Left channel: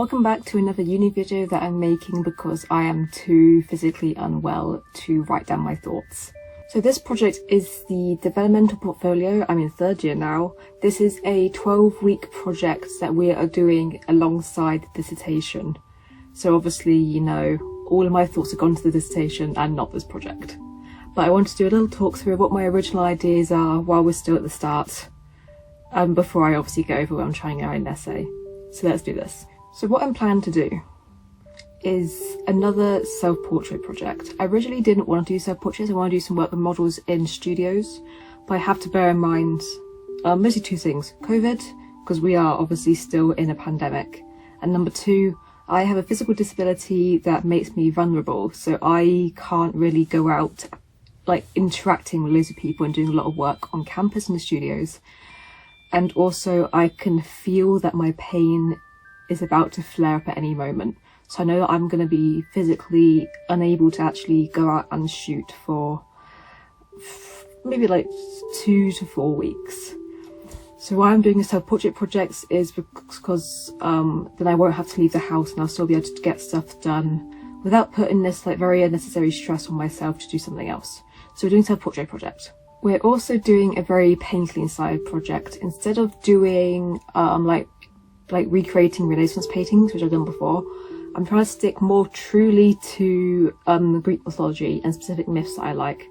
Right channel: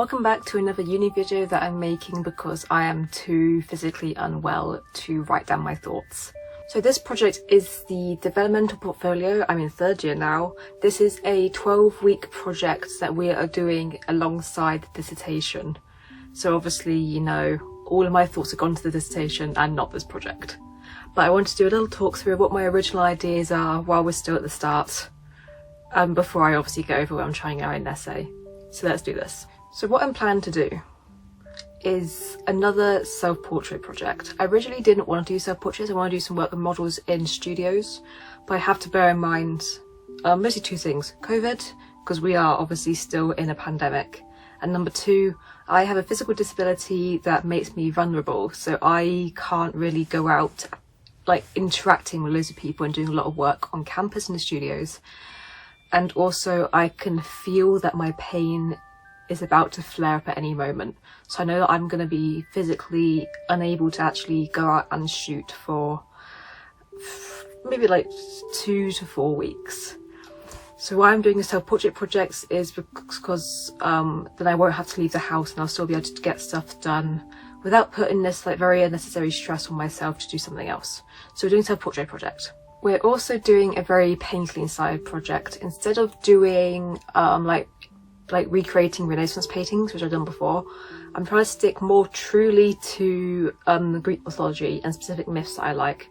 Welcome back to another uni video that I'm making because I am too physically unwell to write down my thoughts. So this project is the developmental portfolio. I'm in third year now. This is a 12-week project that we are doing alongside the dissertation. So obviously, you know, all of my thoughts have gone to the dissertation and not this project. But I want to do a little talk through what my original ideas are while we're still at the start, before I obviously get overwhelmed trying to write an essay. So let's do this. So what I'm planning to do is another self-portrait project. I originally didn't want to do self-portraits. I want to do some work with models in studios, but I have to bear in mind mostly two things. COVID, because we are obviously still in a pandemic, and number two, I have a physical disability that makes me vulnerable, so I can't really go out like interacting with loads of people and doing a lot of work on campus in the studios. And also I can feel that my pain is about to flare up at any moment. So I know that I'm going to be physically unable to actually go out and shoot for maybe like 2 to 4 weeks. So why I'm doing a self-portrait projects is because then I won't have to leave the house and I'll still be able to get stuff done without putting this like very unnecessary stress on myself to do something else. So we're doing a self-portrait project. We're also doing a very painfully inspired project. Instead of doing like recreating Renaissance paintings, which I've done before, I'm trying to stick more truly to Greek mythology and specific myths that I like,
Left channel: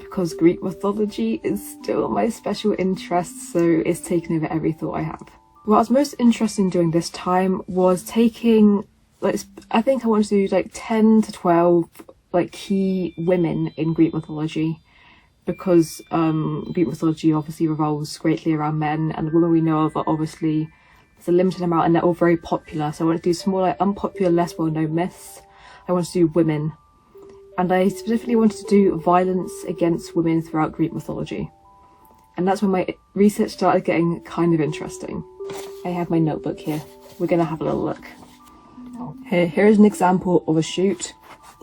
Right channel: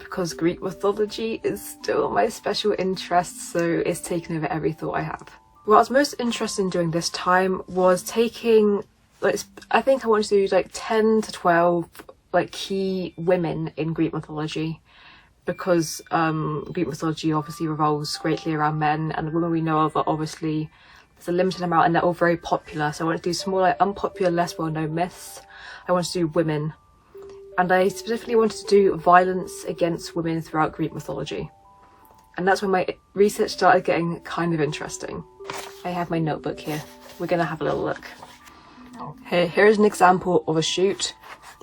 because Greek mythology is still my special interest, so it's taken over every thought I have. What I was most interested in doing this time was taking, like, I think I wanted to do like 10 to 12 like key women in Greek mythology, because Greek mythology obviously revolves greatly around men, and the women we know of are obviously, there's a limited amount and they're all very popular. So I want to do some more like unpopular, less well-known myths. I want to do women, and I specifically wanted to do violence against women throughout Greek mythology. And that's when my research started getting kind of interesting. I have my notebook here. We're gonna have a little look. Here's an example of a shoot.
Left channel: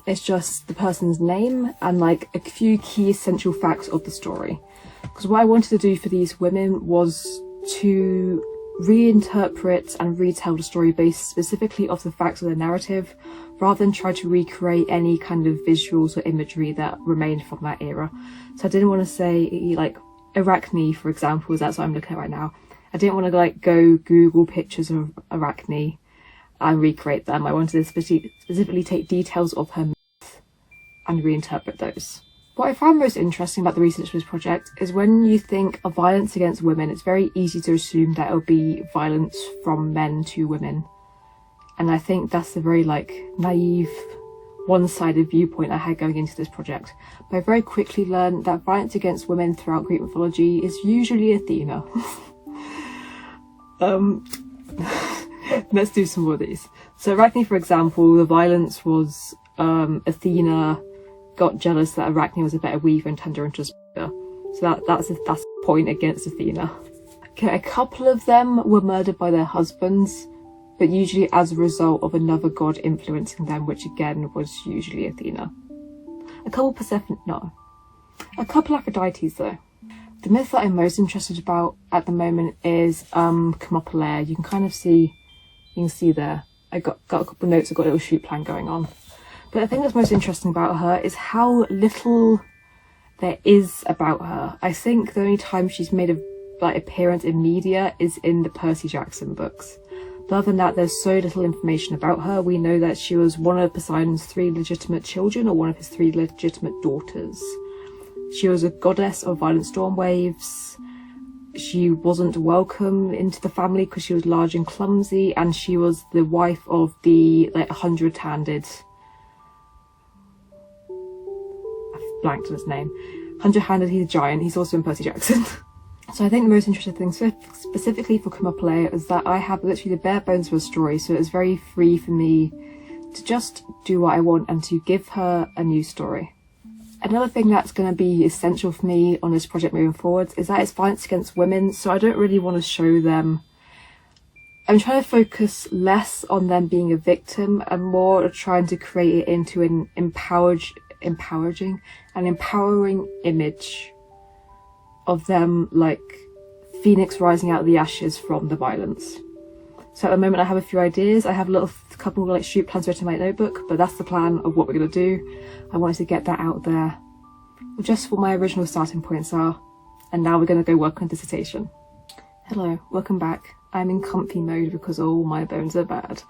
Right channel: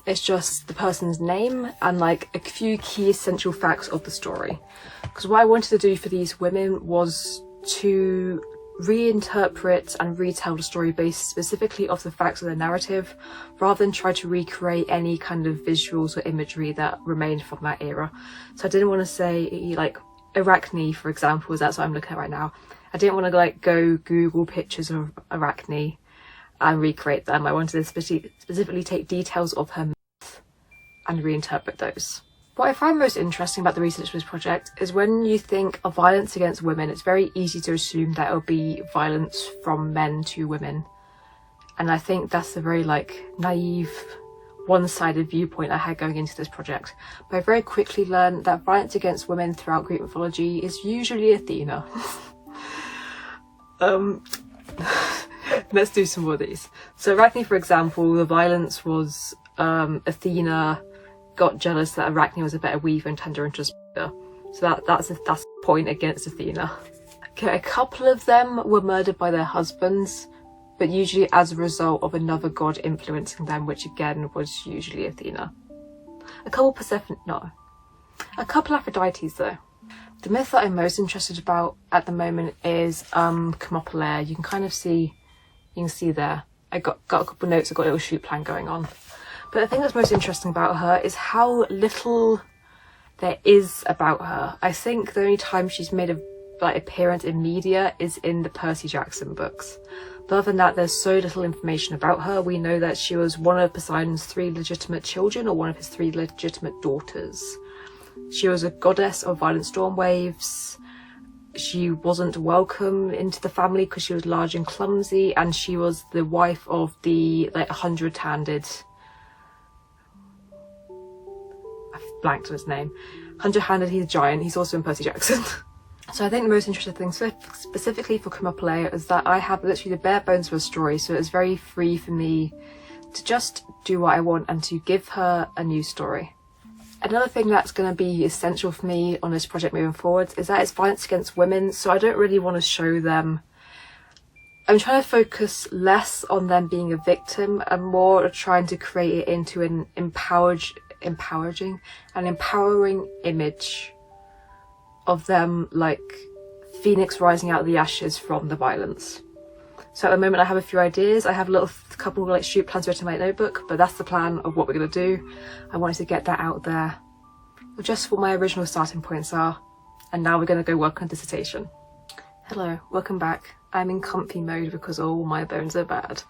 It's just the person's name and like a few key essential facts of the story. Because what I wanted to do for these women was to reinterpret and retell the story based specifically off the facts of the narrative, rather than try to recreate any kind of visuals or imagery that remained from that era. So I didn't want to say like Arachne, for example, as that's what I'm looking at right now. I didn't want to like go Google pictures of Arachne and recreate them. I wanted to specifically take details of her myth and reinterpret those. What I found most interesting about the research for this project is when you think of violence against women, it's very easy to assume that it'll be violence from men to women. And I think that's a very like naive, one-sided viewpoint I had going into this project. But I very quickly learned that violence against women throughout Greek mythology is usually Athena. Let's do some more of these. So Arachne, for example, the violence was Athena got jealous that Arachne was a better weaver and turned her into a spider. So that's a point against Athena. Okay, a couple of them were murdered by their husbands, but usually as a result of another god influencing them, which again was usually Athena. A couple Aphrodites though. The myth that I'm most interested about at the moment is Thermopylae. You can kind of see, there. I got a couple of notes, I've got a little shoot plan going on. But the thing that's most interesting about her is how little there is about her. I think the only time she's made a appearance in media is in the Percy Jackson books. But other than that, there's so little information about her. We know that she was one of Poseidon's 3 legitimate children, or one of his 3 legitimate daughters. She was a goddess of violent storm waves. She wasn't welcome into the family because she was large and clumsy, and she was the wife of the 100-handed, blanked on his name. 100-handed, he's a giant, he's also in Percy Jackson. So I think the most interesting thing specifically for Thermopylae is that I have literally the bare bones of a story, so it's very free for me to just do what I want and to give her a new story. Another thing that's going to be essential for me on this project moving forward is that it's violence against women, so I don't really want to show them. I'm trying to focus less on them being a victim and more trying to create it into an empowering image of them like Phoenix rising out of the ashes from the violence. So at the moment I have a few ideas. I have a couple of like shoot plans written in my notebook, but that's the plan of what we're going to do. I wanted to get that out there, just what my original starting points are, and now we're going to go work on dissertation. Hello, welcome back. I'm in comfy mode because all my bones are bad,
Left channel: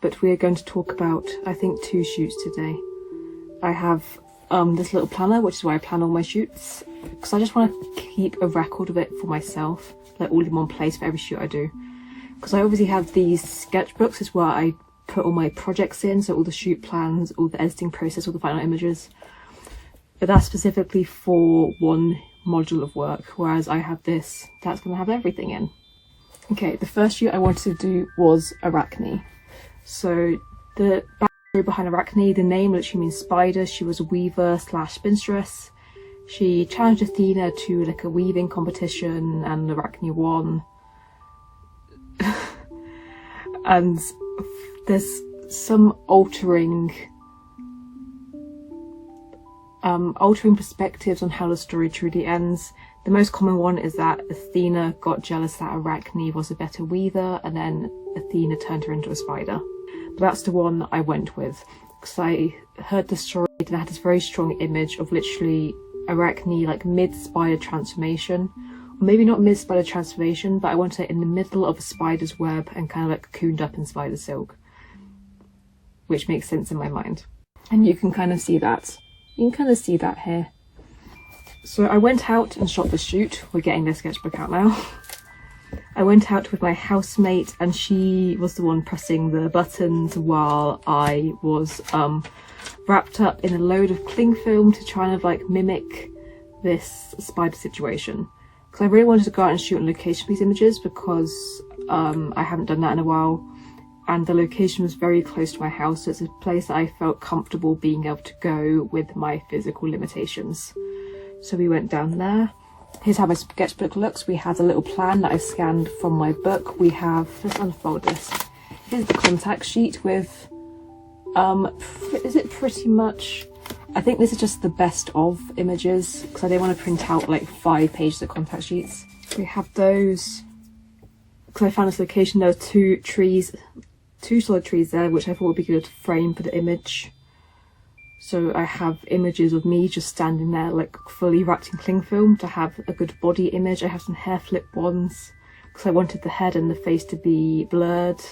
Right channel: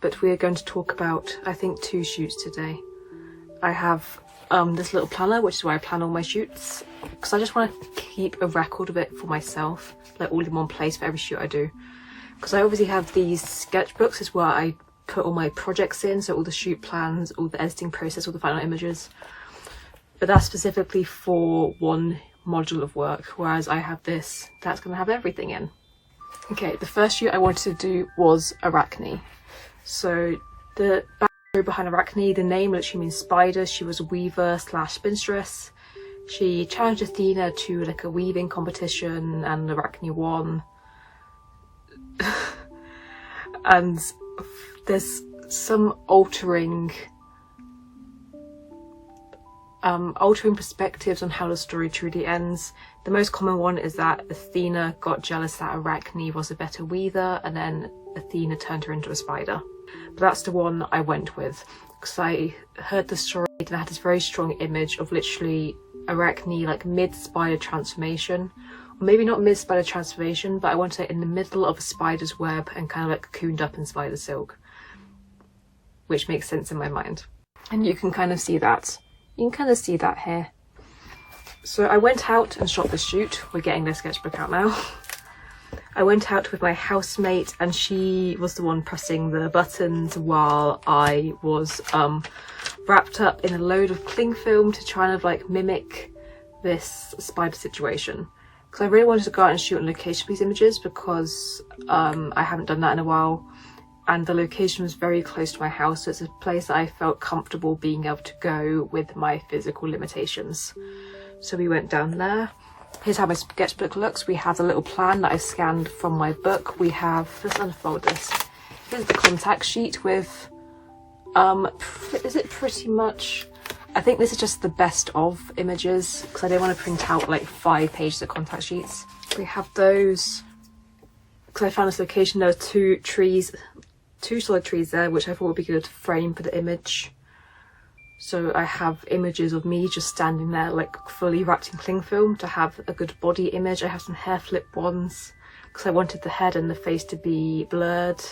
but we are going to talk about, I think, 2 shoots today. I have this little planner, which is where I plan all my shoots, because I just want to keep a record of it for myself, like all in one place for every shoot I do. Because I obviously have these sketchbooks, is where I put all my projects in, so all the shoot plans, all the editing process, all the final images. But that's specifically for one module of work, whereas I have this, that's going to have everything in. Okay, the first shoot I wanted to do was Arachne. So the backstory behind Arachne, the name literally means spider. She was a weaver / spinstress. She challenged Athena to like a weaving competition, and Arachne won. And there's some altering perspectives on how the story truly ends. The most common one is that Athena got jealous that Arachne was a better weaver, and then Athena turned her into a spider. But that's the one I went with, because I heard the story and I had this very strong image of literally Arachne like mid-spider transformation. Or maybe not mid-spider transformation, but I wanted it in the middle of a spider's web and kind of like cocooned up in spider silk, which makes sense in my mind. And you can kind of see that. You can kind of see that here. So I went out and shot this shoot. We're getting their sketchbook out now. I went out with my housemate, and she was the one pressing the buttons while I was wrapped up in a load of cling film to try and like mimic this spider situation. Because I really wanted to go out and shoot on location for these images, because I haven't done that in a while. And the location was very close to my house, so it's a place that I felt comfortable being able to go with my physical limitations. So we went down there. Here's how my sketchbook looks. We have a little plan that I scanned from my book. We have, let's unfold this. Here's the contact sheet with, is it pretty much, I think this is just the best of images, because I didn't want to print out like 5 pages of contact sheets. We have those, because I found this location, there are 2 solid trees there, which I thought would be good to frame for the image. So I have images of me just standing there like fully wrapped in cling film to have a good body image. I have some hair flip ones because I wanted the head and the face to be blurred.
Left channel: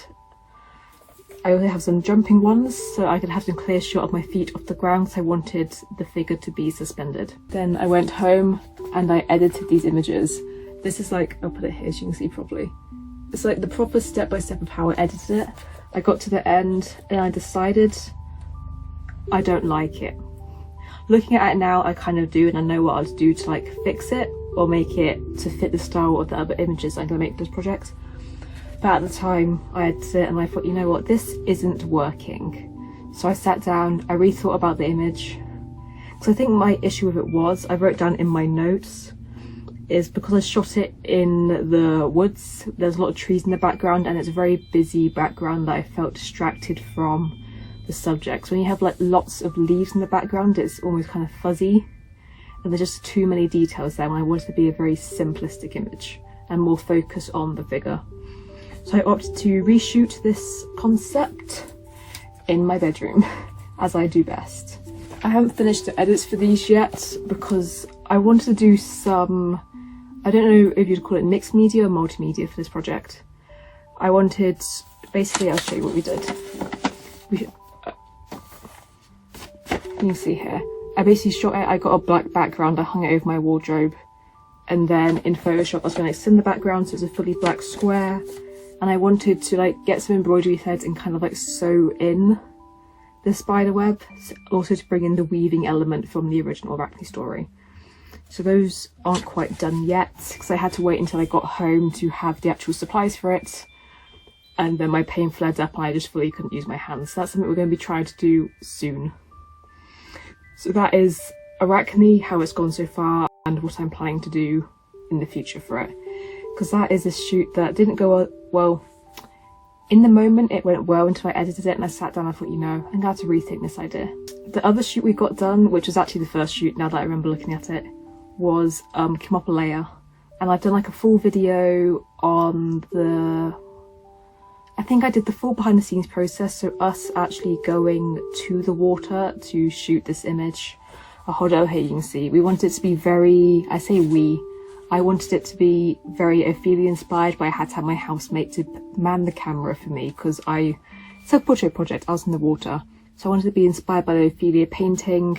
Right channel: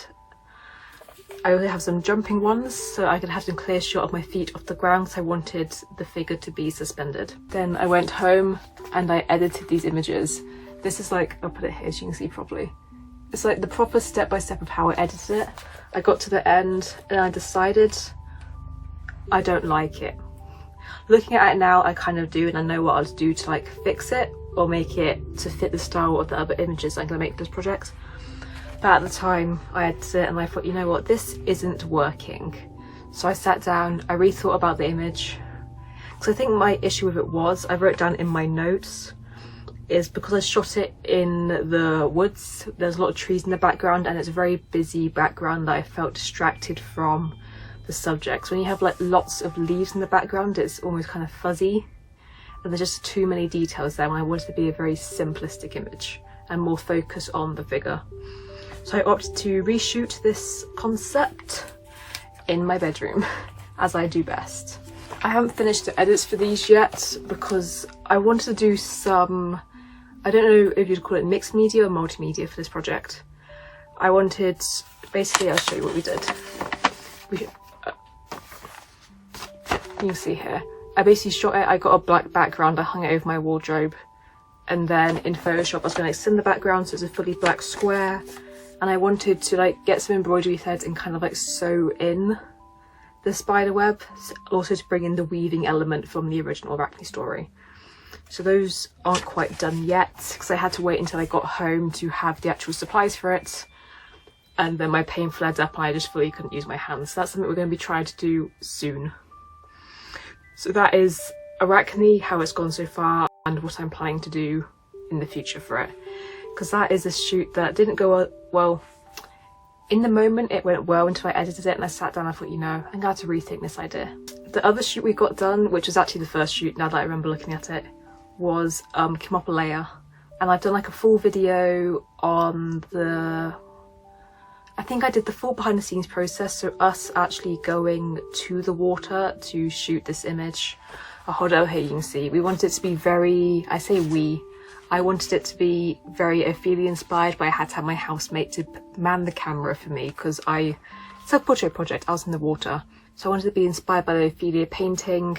I also have some jumping ones so I could have some clear shot of my feet off the ground because I wanted the figure to be suspended. Then I went home and I edited these images. This is like, I'll put it here so you can see properly. It's like the proper step-by-step of how I edited it. I got to the end and I decided I don't like it. Looking at it now, I kind of do, and I know what I'll do to like fix it or make it to fit the style of the other images I'm going to make for this project. But at the time, I edited it and I thought, you know what, this isn't working. So I sat down, I rethought about the image. Because I think my issue with it was, I wrote down in my notes, is because I shot it in the woods, there's a lot of trees in the background and it's a very busy background that I felt distracted from the subject. So when you have like lots of leaves in the background, it's almost kind of fuzzy and there's just too many details there, and I wanted it to be a very simplistic image and more focus on the figure. So I opted to reshoot this concept in my bedroom, as I do best. I haven't finished the edits for these yet because I wanted to do some, I don't know if you'd call it mixed media or multimedia for this project. I wanted, basically I'll show you what we did. You can see here. I basically shot it, I got a black background, I hung it over my wardrobe, and then in Photoshop I was going to extend the background so it's a fully black square, and I wanted to like get some embroidery threads and kind of like sew in the spider web, also to bring in the weaving element from the original Arachne story. So those aren't quite done yet because I had to wait until I got home to have the actual supplies for it, and then my pain flared up and I just fully couldn't use my hands. So that's something we're going to be trying to do soon. So that is Arachne, how it's gone so far, and what I'm planning to do in the future for it. Because that is a shoot that didn't go well. In the moment it went well until I edited it and I sat down and I thought, you know, I'm glad to rethink this idea. The other shoot we got done, which was actually the first shoot now that I remember looking at it, was Kimopalea. And I've done like a full video on the, I think I did the full behind the scenes process, so us actually going to the water to shoot this image. I'll hold it out here, you can see. We wanted it to be very, I say we, I wanted it to be very Ophelia inspired, but I had to have my housemate to man the camera for me because it's a portrait project, I was in the water. So I wanted to be inspired by the Ophelia painting.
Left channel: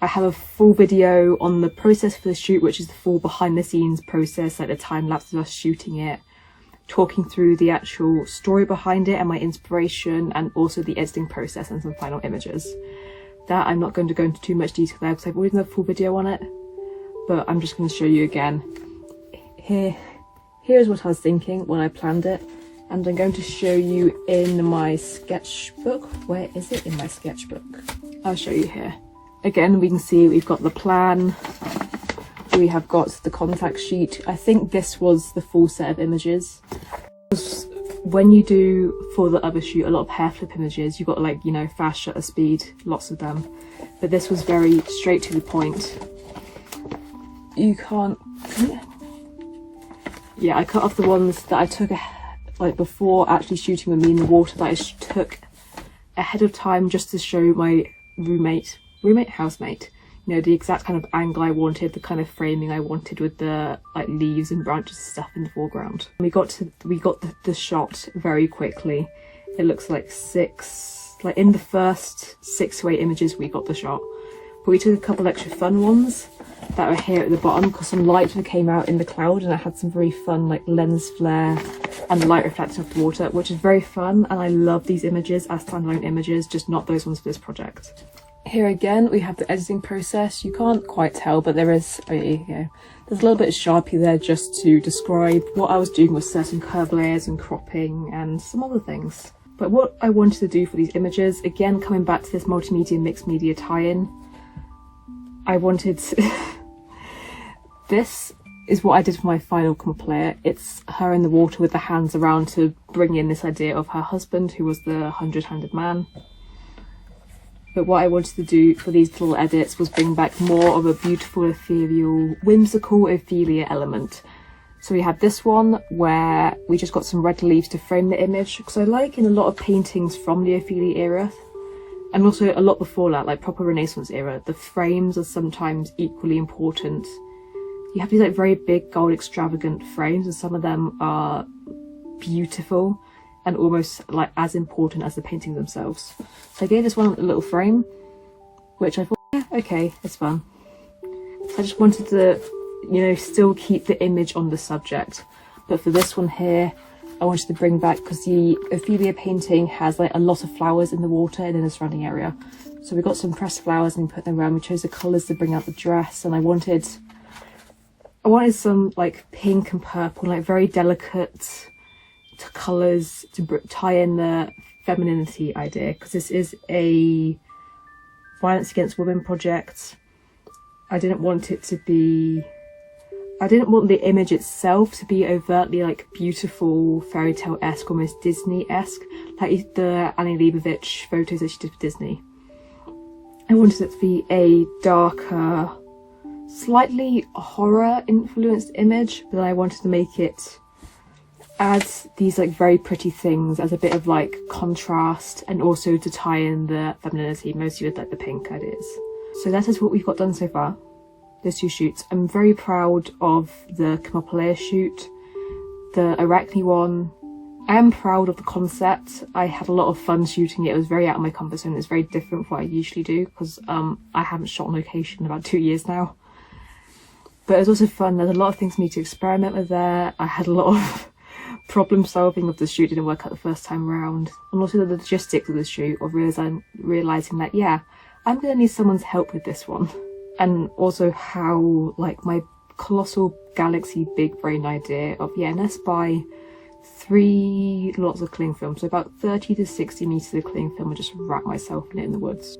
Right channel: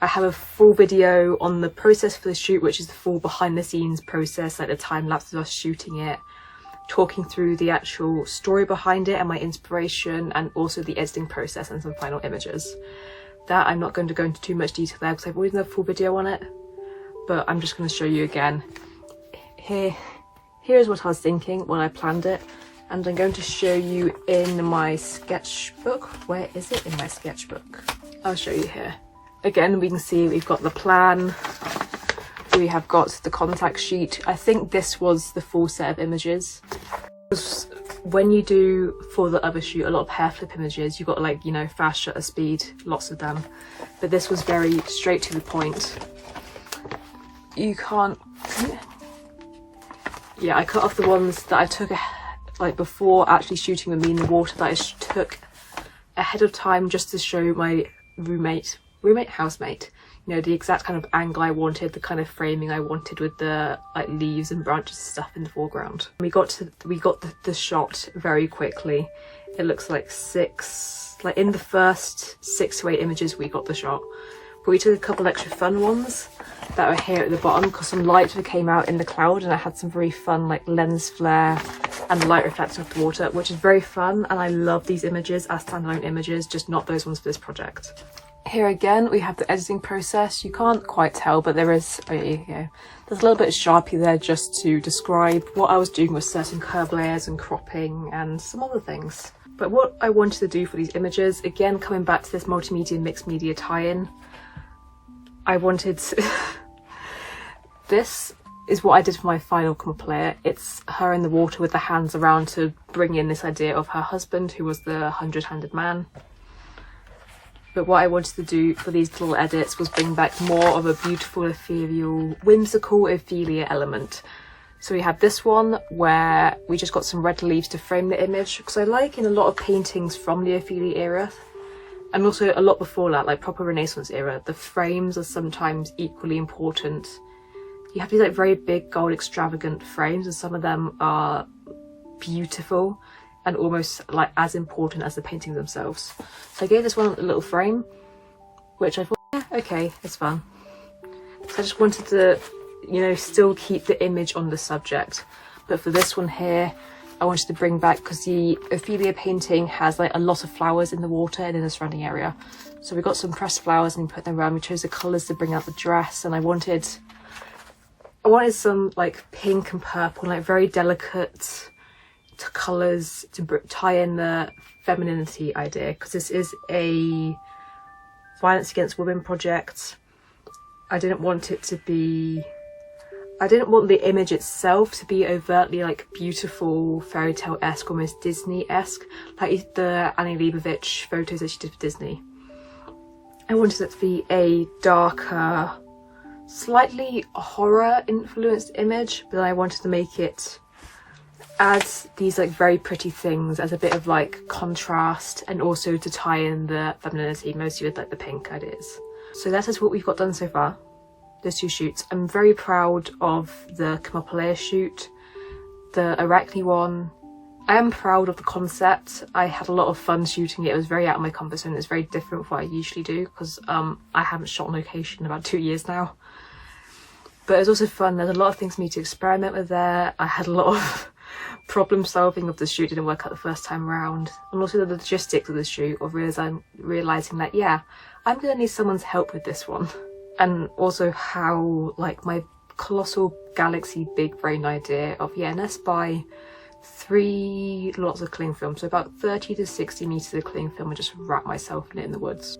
I have a full video on the process for the shoot, which is the full behind the scenes process, like the time lapse of us shooting it, talking through the actual story behind it and my inspiration, and also the editing process and some final images. That I'm not going to go into too much detail there because I've already done a full video on it, but I'm just going to show you again. Here's what I was thinking when I planned it, and I'm going to show you in my sketchbook. Where is it in my sketchbook? I'll show you here. Again, we can see we've got the plan, we have got the contact sheet. I think this was the full set of images. When you do, for the other shoot, a lot of hair flip images, you've got like, you know, fast shutter speed, lots of them. But this was very straight to the point. You can't... Yeah, I cut off the ones that I took like before actually shooting with me in the water, that I took ahead of time just to show my housemate, you know, the exact kind of angle I wanted, the kind of framing I wanted with the like leaves and branches and stuff in the foreground. We got the shot very quickly. It looks like in the first 6 to 8 images we got the shot, but we took a couple extra fun ones that are here at the bottom because some light came out in the cloud and I had some very fun like lens flare and light reflecting off the water, which is very fun, and I love these images as standalone images, just not those ones for this project. Here again we have the editing process. You can't quite tell, but there's a little bit of Sharpie there just to describe what I was doing with certain curve layers and cropping and some other things. But what I wanted to do for these images, again coming back to this multimedia mixed media tie-in, I wanted this is what I did for my final comp layer. It's her in the water with the hands around to bring in this idea of her husband, who was the 100-handed man. But what I wanted to do for these little edits was bring back more of a beautiful, ethereal, whimsical Ophelia element. So we have this one where we just got some red leaves to frame the image, because I like in a lot of paintings from the Ophelia era, and also a lot before that, like proper Renaissance era, the frames are sometimes equally important. You have these like very big, gold, extravagant frames, and some of them are beautiful and almost like as important as the paintings themselves. So I gave this one a little frame, which I thought, yeah, okay, it's fun. So I just wanted to, you know, still keep the image on the subject. But for this one here, I wanted to bring back, because the Ophelia painting has like a lot of flowers in the water and in the surrounding area. So we got some pressed flowers and we put them around. We chose the colours to bring out the dress, and I wanted some like pink and purple, like very delicate colours to tie in the femininity idea, because this is a violence against women project. I didn't want the image itself to be overtly like beautiful, fairy tale-esque, almost Disney-esque, like the Annie Leibovitz photos that she did for Disney. I wanted it to be a darker, slightly horror influenced image, but then I wanted to make it add these like very pretty things as a bit of like contrast, and also to tie in the femininity, mostly with like the pink ideas. So that is what we've got done so far, those 2 shoots. I'm very proud of the Camopolea shoot, the Arachne one. I am proud of the concept. I had a lot of fun shooting it. It was very out of my comfort zone. It's very different from what I usually do, because I haven't shot on location in about 2 years now. But it was also fun. There's a lot of things for me to experiment with there. I had a lot of problem solving of the shoot. Didn't work out the first time around. And also the logistics of the shoot, of realising that, yeah, I'm going to need someone's help with this one. And also how, like, my colossal galaxy big brain idea of, yeah, let's buy 3 lots of cling film, so about 30 to 60 meters of cling film, and just wrap myself in it in the woods.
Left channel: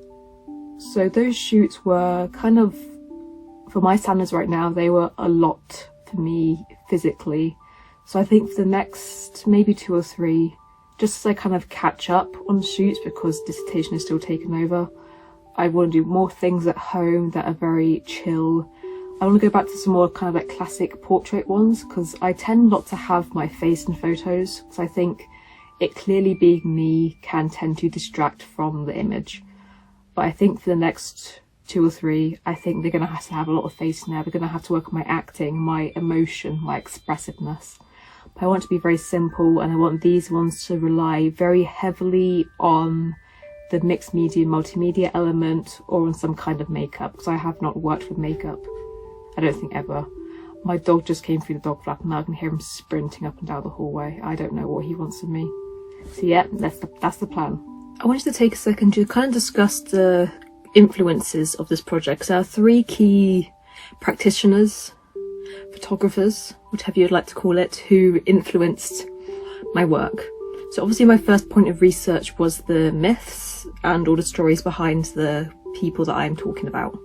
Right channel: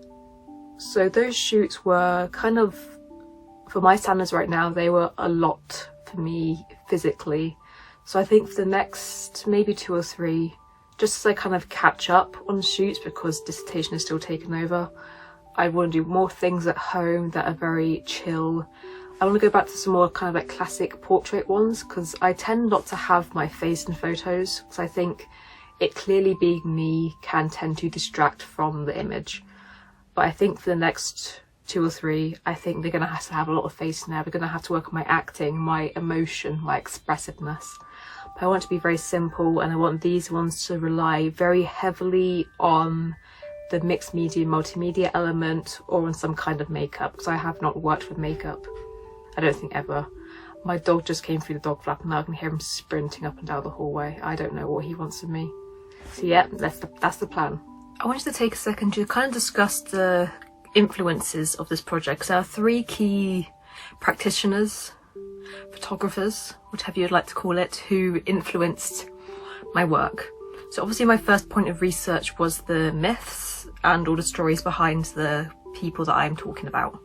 So those shoots were kind of, for my standards right now, they were a lot for me physically. So I think for the next maybe 2 or 3, just as I kind of catch up on shoots, because dissertation is still taking over, I want to do more things at home that are very chill. I want to go back to some more kind of like classic portrait ones, because I tend not to have my face in photos, because I think it clearly being me can tend to distract from the image. But I think for the next 2 or 3, I think they're going to have a lot of face in there. They're going to have to work on my acting, my emotion, my expressiveness. But I want to be very simple, and I want these ones to rely very heavily on the mixed media, multimedia element, or on some kind of makeup, because I have not worked with makeup. I don't think ever. My dog just came through the dog flap and now I can hear him sprinting up and down the hallway. I don't know what he wants of me. So yeah, that's the plan. I wanted to take a second to kind of discuss the influences of this project, because there are 3 key practitioners, photographers, whatever you'd like to call it, who influenced my work. So obviously my first point of research was the myths and all the stories behind the people that I'm talking about.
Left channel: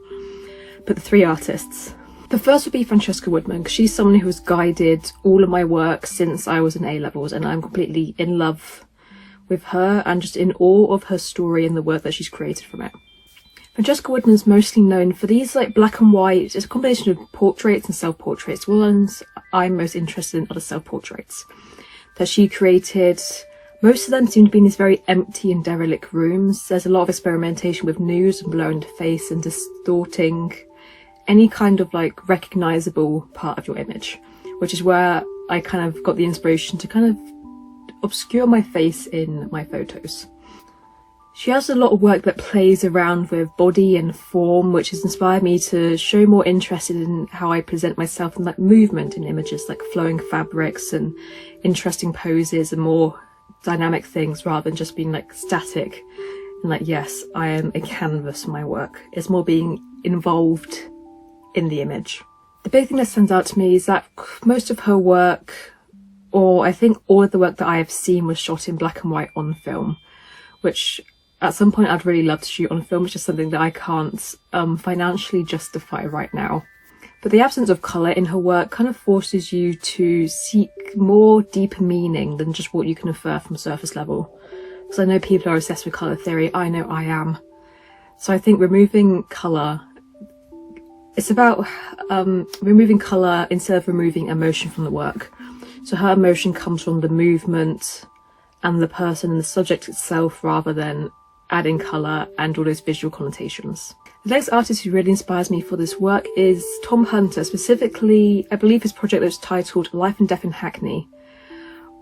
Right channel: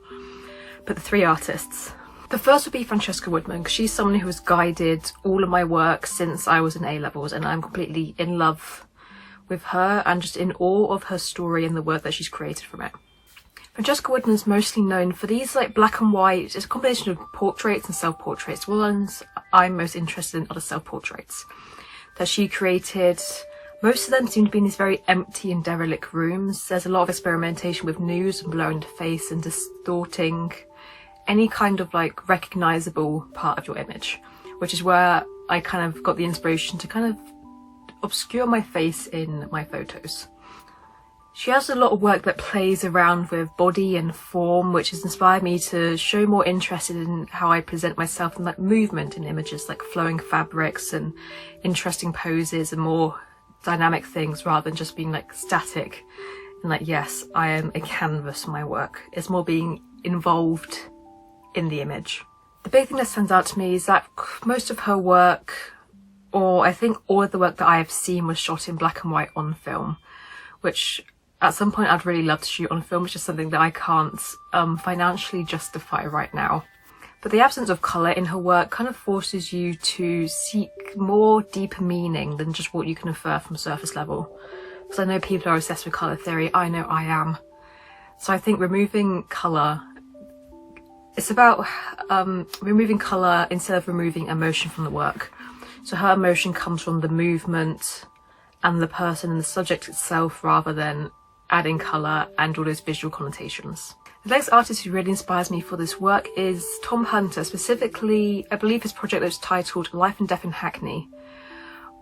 But the 3 artists. The first would be Francesca Woodman, because she's someone who has guided all of my work since I was in A-levels, and I'm completely in love with her and just in awe of her story and the work that she's created from it. Francesca Woodman is mostly known for these like black and white, it's a combination of portraits and self-portraits. Ones I'm most interested in are the self-portraits that she created. Most of them seem to be in these very empty and derelict rooms. There's a lot of experimentation with nudes and blurring the face and distorting any kind of like recognizable part of your image, which is where I kind of got the inspiration to kind of obscure my face in my photos. She has a lot of work that plays around with body and form, which has inspired me to show more interest in how I present myself and like movement in images, like flowing fabrics and interesting poses and more dynamic things rather than just being like static and like, yes, I am a canvas for my work. It's more being involved in the image. The big thing that stands out to me is that most of her work, or I think all of the work that I have seen, was shot in black and white on film, which at some point I'd really love to shoot on film, which is something that I can't financially justify right now. But the absence of colour in her work kind of forces you to seek more deeper meaning than just what you can infer from surface level. Because I know people are obsessed with colour theory, I know I am. So I think removing colour, it's about removing colour instead of removing emotion from the work. So her emotion comes from the movement and the person and the subject itself rather than adding colour and all those visual connotations. The next artist who really inspires me for this work is Tom Hunter, specifically I believe his project was titled Life and Death in Hackney,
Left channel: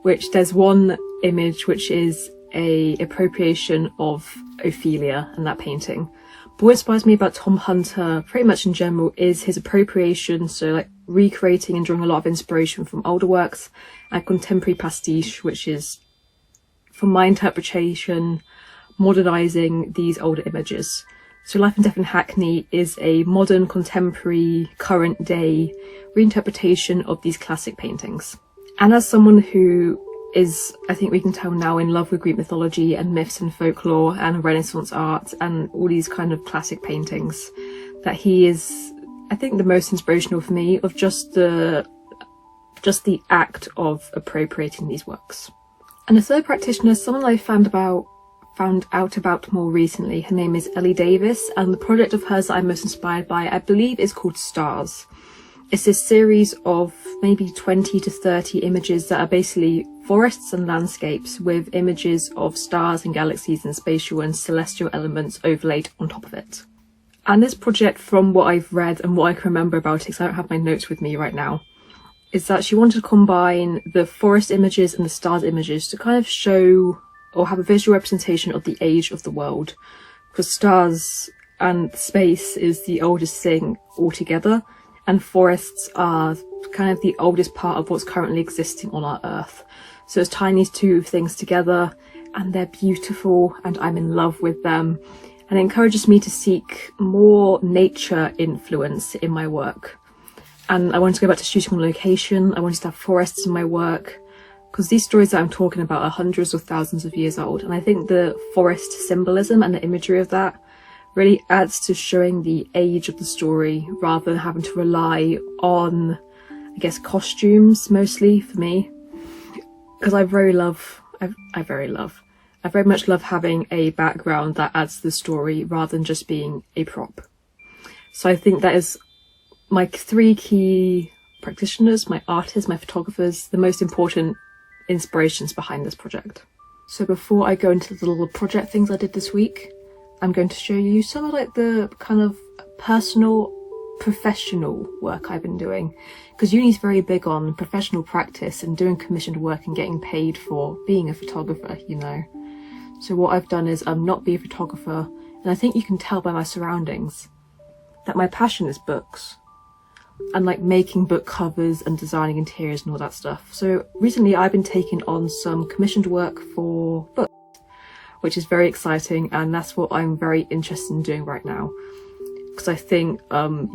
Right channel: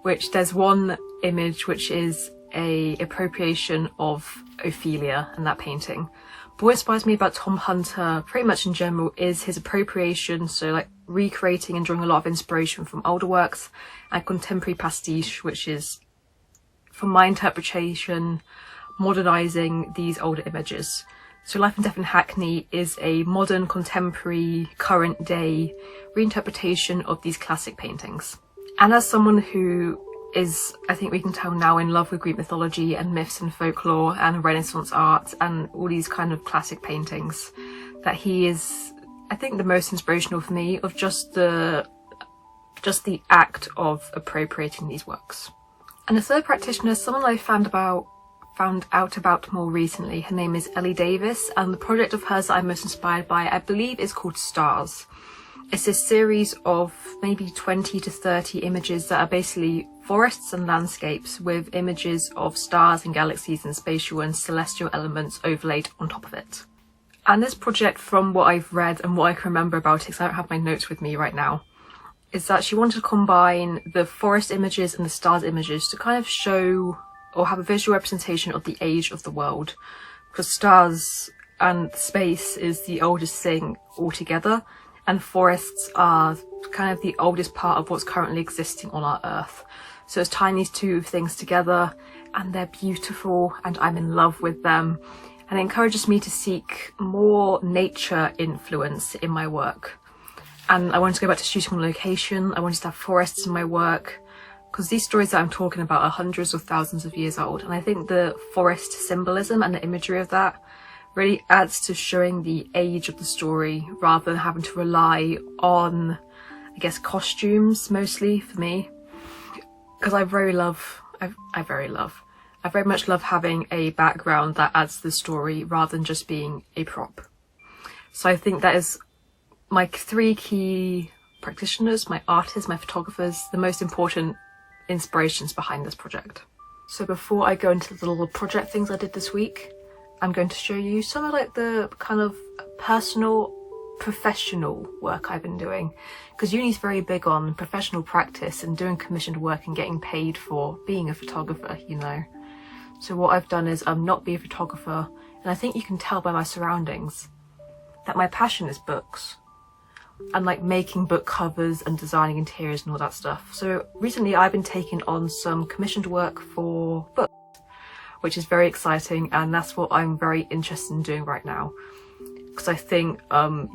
which there's one image which is a appropriation of Ophelia and that painting. But what inspires me about Tom Hunter pretty much in general is his appropriation, so like recreating and drawing a lot of inspiration from older works, and contemporary pastiche, which is, from my interpretation, modernising these older images. So Life and Death in Hackney is a modern, contemporary, current day reinterpretation of these classic paintings. And as someone who is, I think we can tell now, in love with Greek mythology and myths and folklore and Renaissance art and all these kind of classic paintings, that he is, I think, the most inspirational for me of just the act of appropriating these works. And the third practitioner is someone I found out about more recently. Her name is Ellie Davis, and the project of hers that I'm most inspired by, I believe, is called Stars. It's this series of maybe 20 to 30 images that are basically forests and landscapes with images of stars and galaxies and spatial and celestial elements overlaid on top of it. And this project, from what I've read and what I can remember about it, because I don't have my notes with me right now, is that she wanted to combine the forest images and the stars images to kind of show or have a visual representation of the age of the world, because stars and space is the oldest thing altogether, and forests are kind of the oldest part of what's currently existing on our earth. So it's tying these two things together, and they're beautiful and I'm in love with them, and it encourages me to seek more nature influence in my work. And I wanted to go back to shooting on location. I wanted to have forests in my work, because these stories that I'm talking about are hundreds of thousands of years old, and I think the forest symbolism and the imagery of that really adds to showing the age of the story rather than having to rely on, I guess, costumes mostly for me, because I very much love having a background that adds to the story rather than just being a prop. So I think that is my 3 key practitioners, my artists, my photographers, the most important inspirations behind this project. So before I go into the little project things I did this week, I'm going to show you some of like the kind of personal, professional work I've been doing, because uni's very big on professional practice and doing commissioned work and getting paid for being a photographer, you know. So what I've done is not be a photographer, and I think you can tell by my surroundings that my passion is books and like making book covers and designing interiors and all that stuff. So recently I've been taking on some commissioned work for books, which is very exciting, and that's what I'm very interested in doing right now, because I think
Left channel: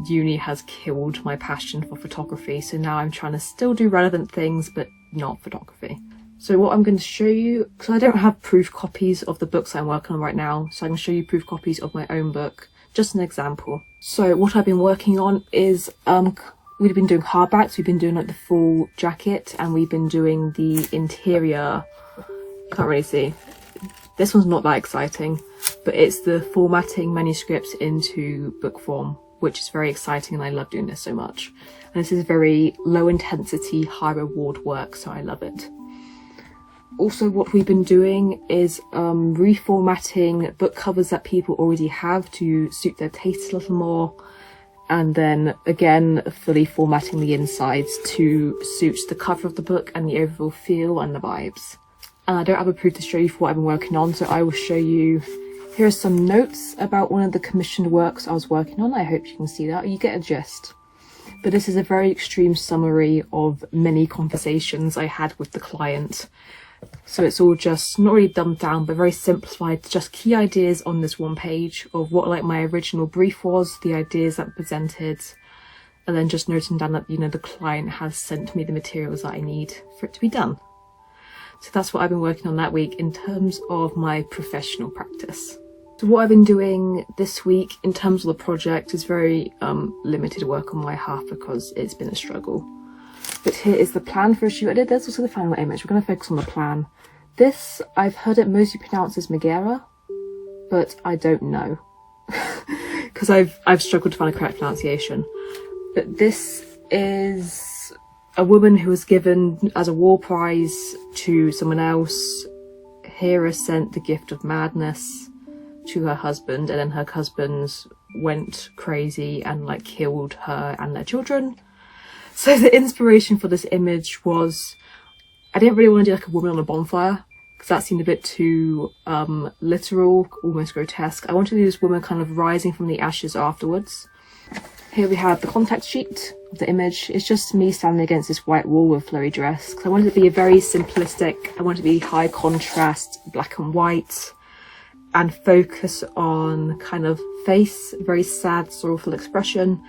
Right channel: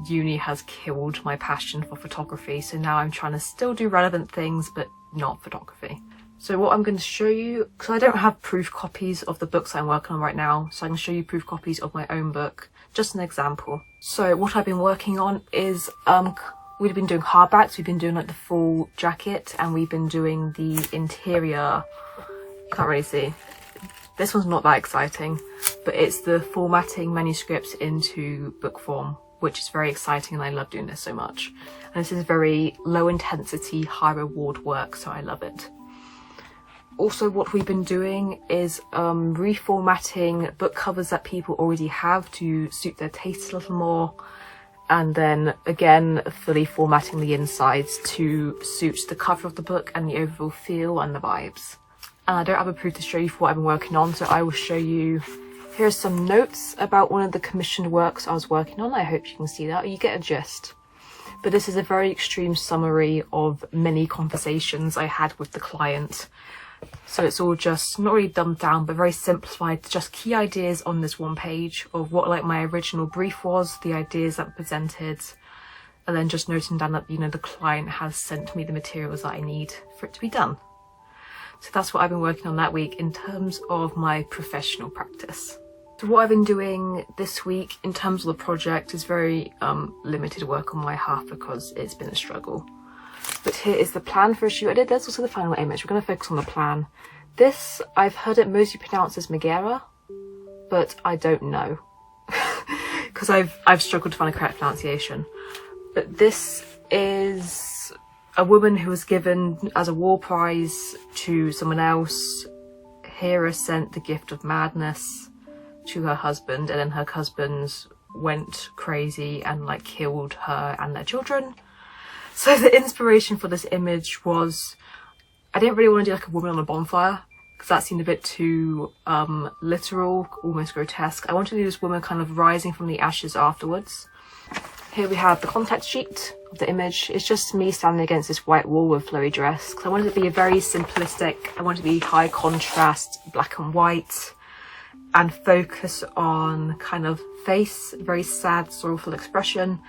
uni has killed my passion for photography, so now I'm trying to still do relevant things but not photography. So what I'm going to show you, because I don't have proof copies of the books I'm working on right now, so I can show you proof copies of my own book, just an example. So what I've been working on is we've been doing hardbacks, we've been doing like the full jacket, and we've been doing the interior. Can't really see. This one's not that exciting, but it's the formatting manuscripts into book form, which is very exciting, and I love doing this so much. And this is very low intensity, high reward work, so I love it. Also, what we've been doing is reformatting book covers that people already have to suit their tastes a little more, and then again fully formatting the insides to suit the cover of the book and the overall feel and the vibes. And I don't have a proof to show you for what I've been working on, so I will show you. Here are some notes about one of the commissioned works I was working on. I hope you can see that, or you get a gist. But this is a very extreme summary of many conversations I had with the client. So it's all just not really dumbed down, but very simplified, just key ideas on this one page of what like my original brief was, the ideas that were presented, and then just noting down that, you know, the client has sent me the materials that I need for it to be done. So that's what I've been working on that week in terms of my professional practice. So what I've been doing this week in terms of the project is very limited work on my half, because it's been a struggle. But here is the plan for a shoot I did. There's also the final image. We're going to focus on the plan. This, I've heard it mostly pronounced as Megara, but I don't know, because I've struggled to find a correct pronunciation. But this is a woman who was given as a war prize to someone else. Hera sent the gift of madness to her husband, and then her husband went crazy and like killed her and their children. So the inspiration for this image was, I didn't really want to do like a woman on a bonfire, because that seemed a bit too literal, almost grotesque. I wanted to do this woman kind of rising from the ashes afterwards. Here we have the contact sheet of the image. It's just me standing against this white wall with flowy dress, because I wanted it to be a very simplistic, I wanted it to be high contrast, black and white, and focus on kind of face, very sad, sorrowful expression.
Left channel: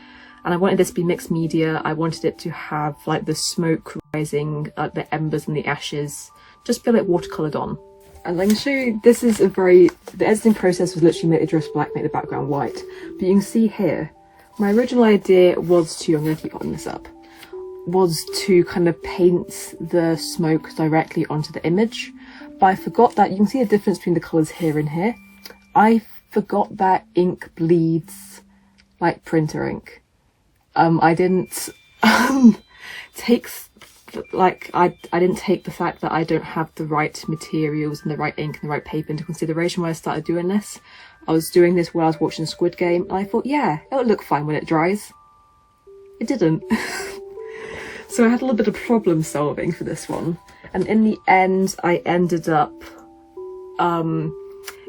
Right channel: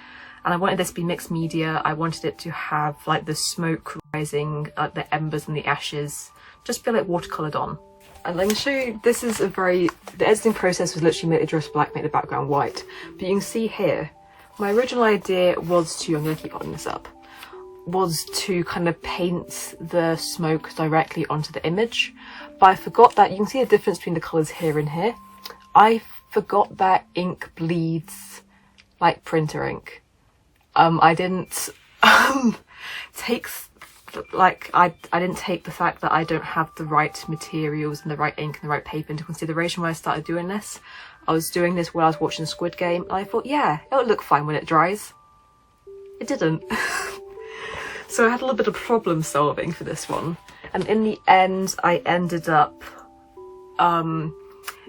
And I wanted this to be mixed media. I wanted it to have like the smoke rising, the embers and the ashes, just feel like watercoloured on. And I can show you, this is the editing process was literally make the dress black, make the background white. But you can see here, my original idea was to, I'm going to keep holding this up, was to kind of paint the smoke directly onto the image. But I forgot that, you can see the difference between the colours here and here. I forgot that ink bleeds like printer ink. I didn't take I didn't take the fact that I don't have the right materials and the right ink and the right paper into consideration when I started doing this. I was doing this while I was watching Squid Game, and I thought, yeah, it'll look fine when it dries. It didn't. So I had a little bit of problem solving for this one, and in the end I ended up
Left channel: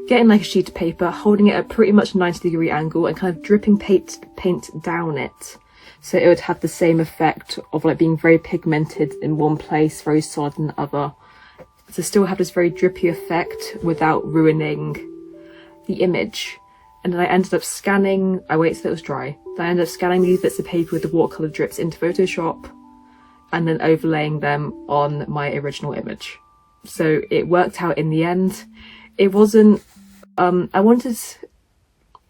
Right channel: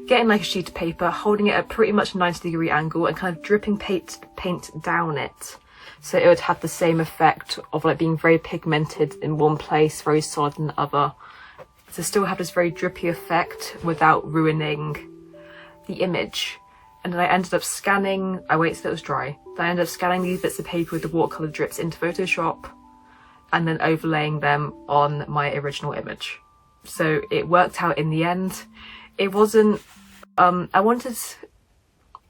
getting like a sheet of paper, holding it at pretty much a 90-degree angle and kind of dripping paint down it, so it would have the same effect of like being very pigmented in one place, very solid in the other, to still have this very drippy effect without ruining the image. And then I ended up scanning, I waited till it was dry, then I ended up scanning these bits of paper with the watercolour drips into Photoshop and then overlaying them on my original image. So it worked out in the end. It wasn't,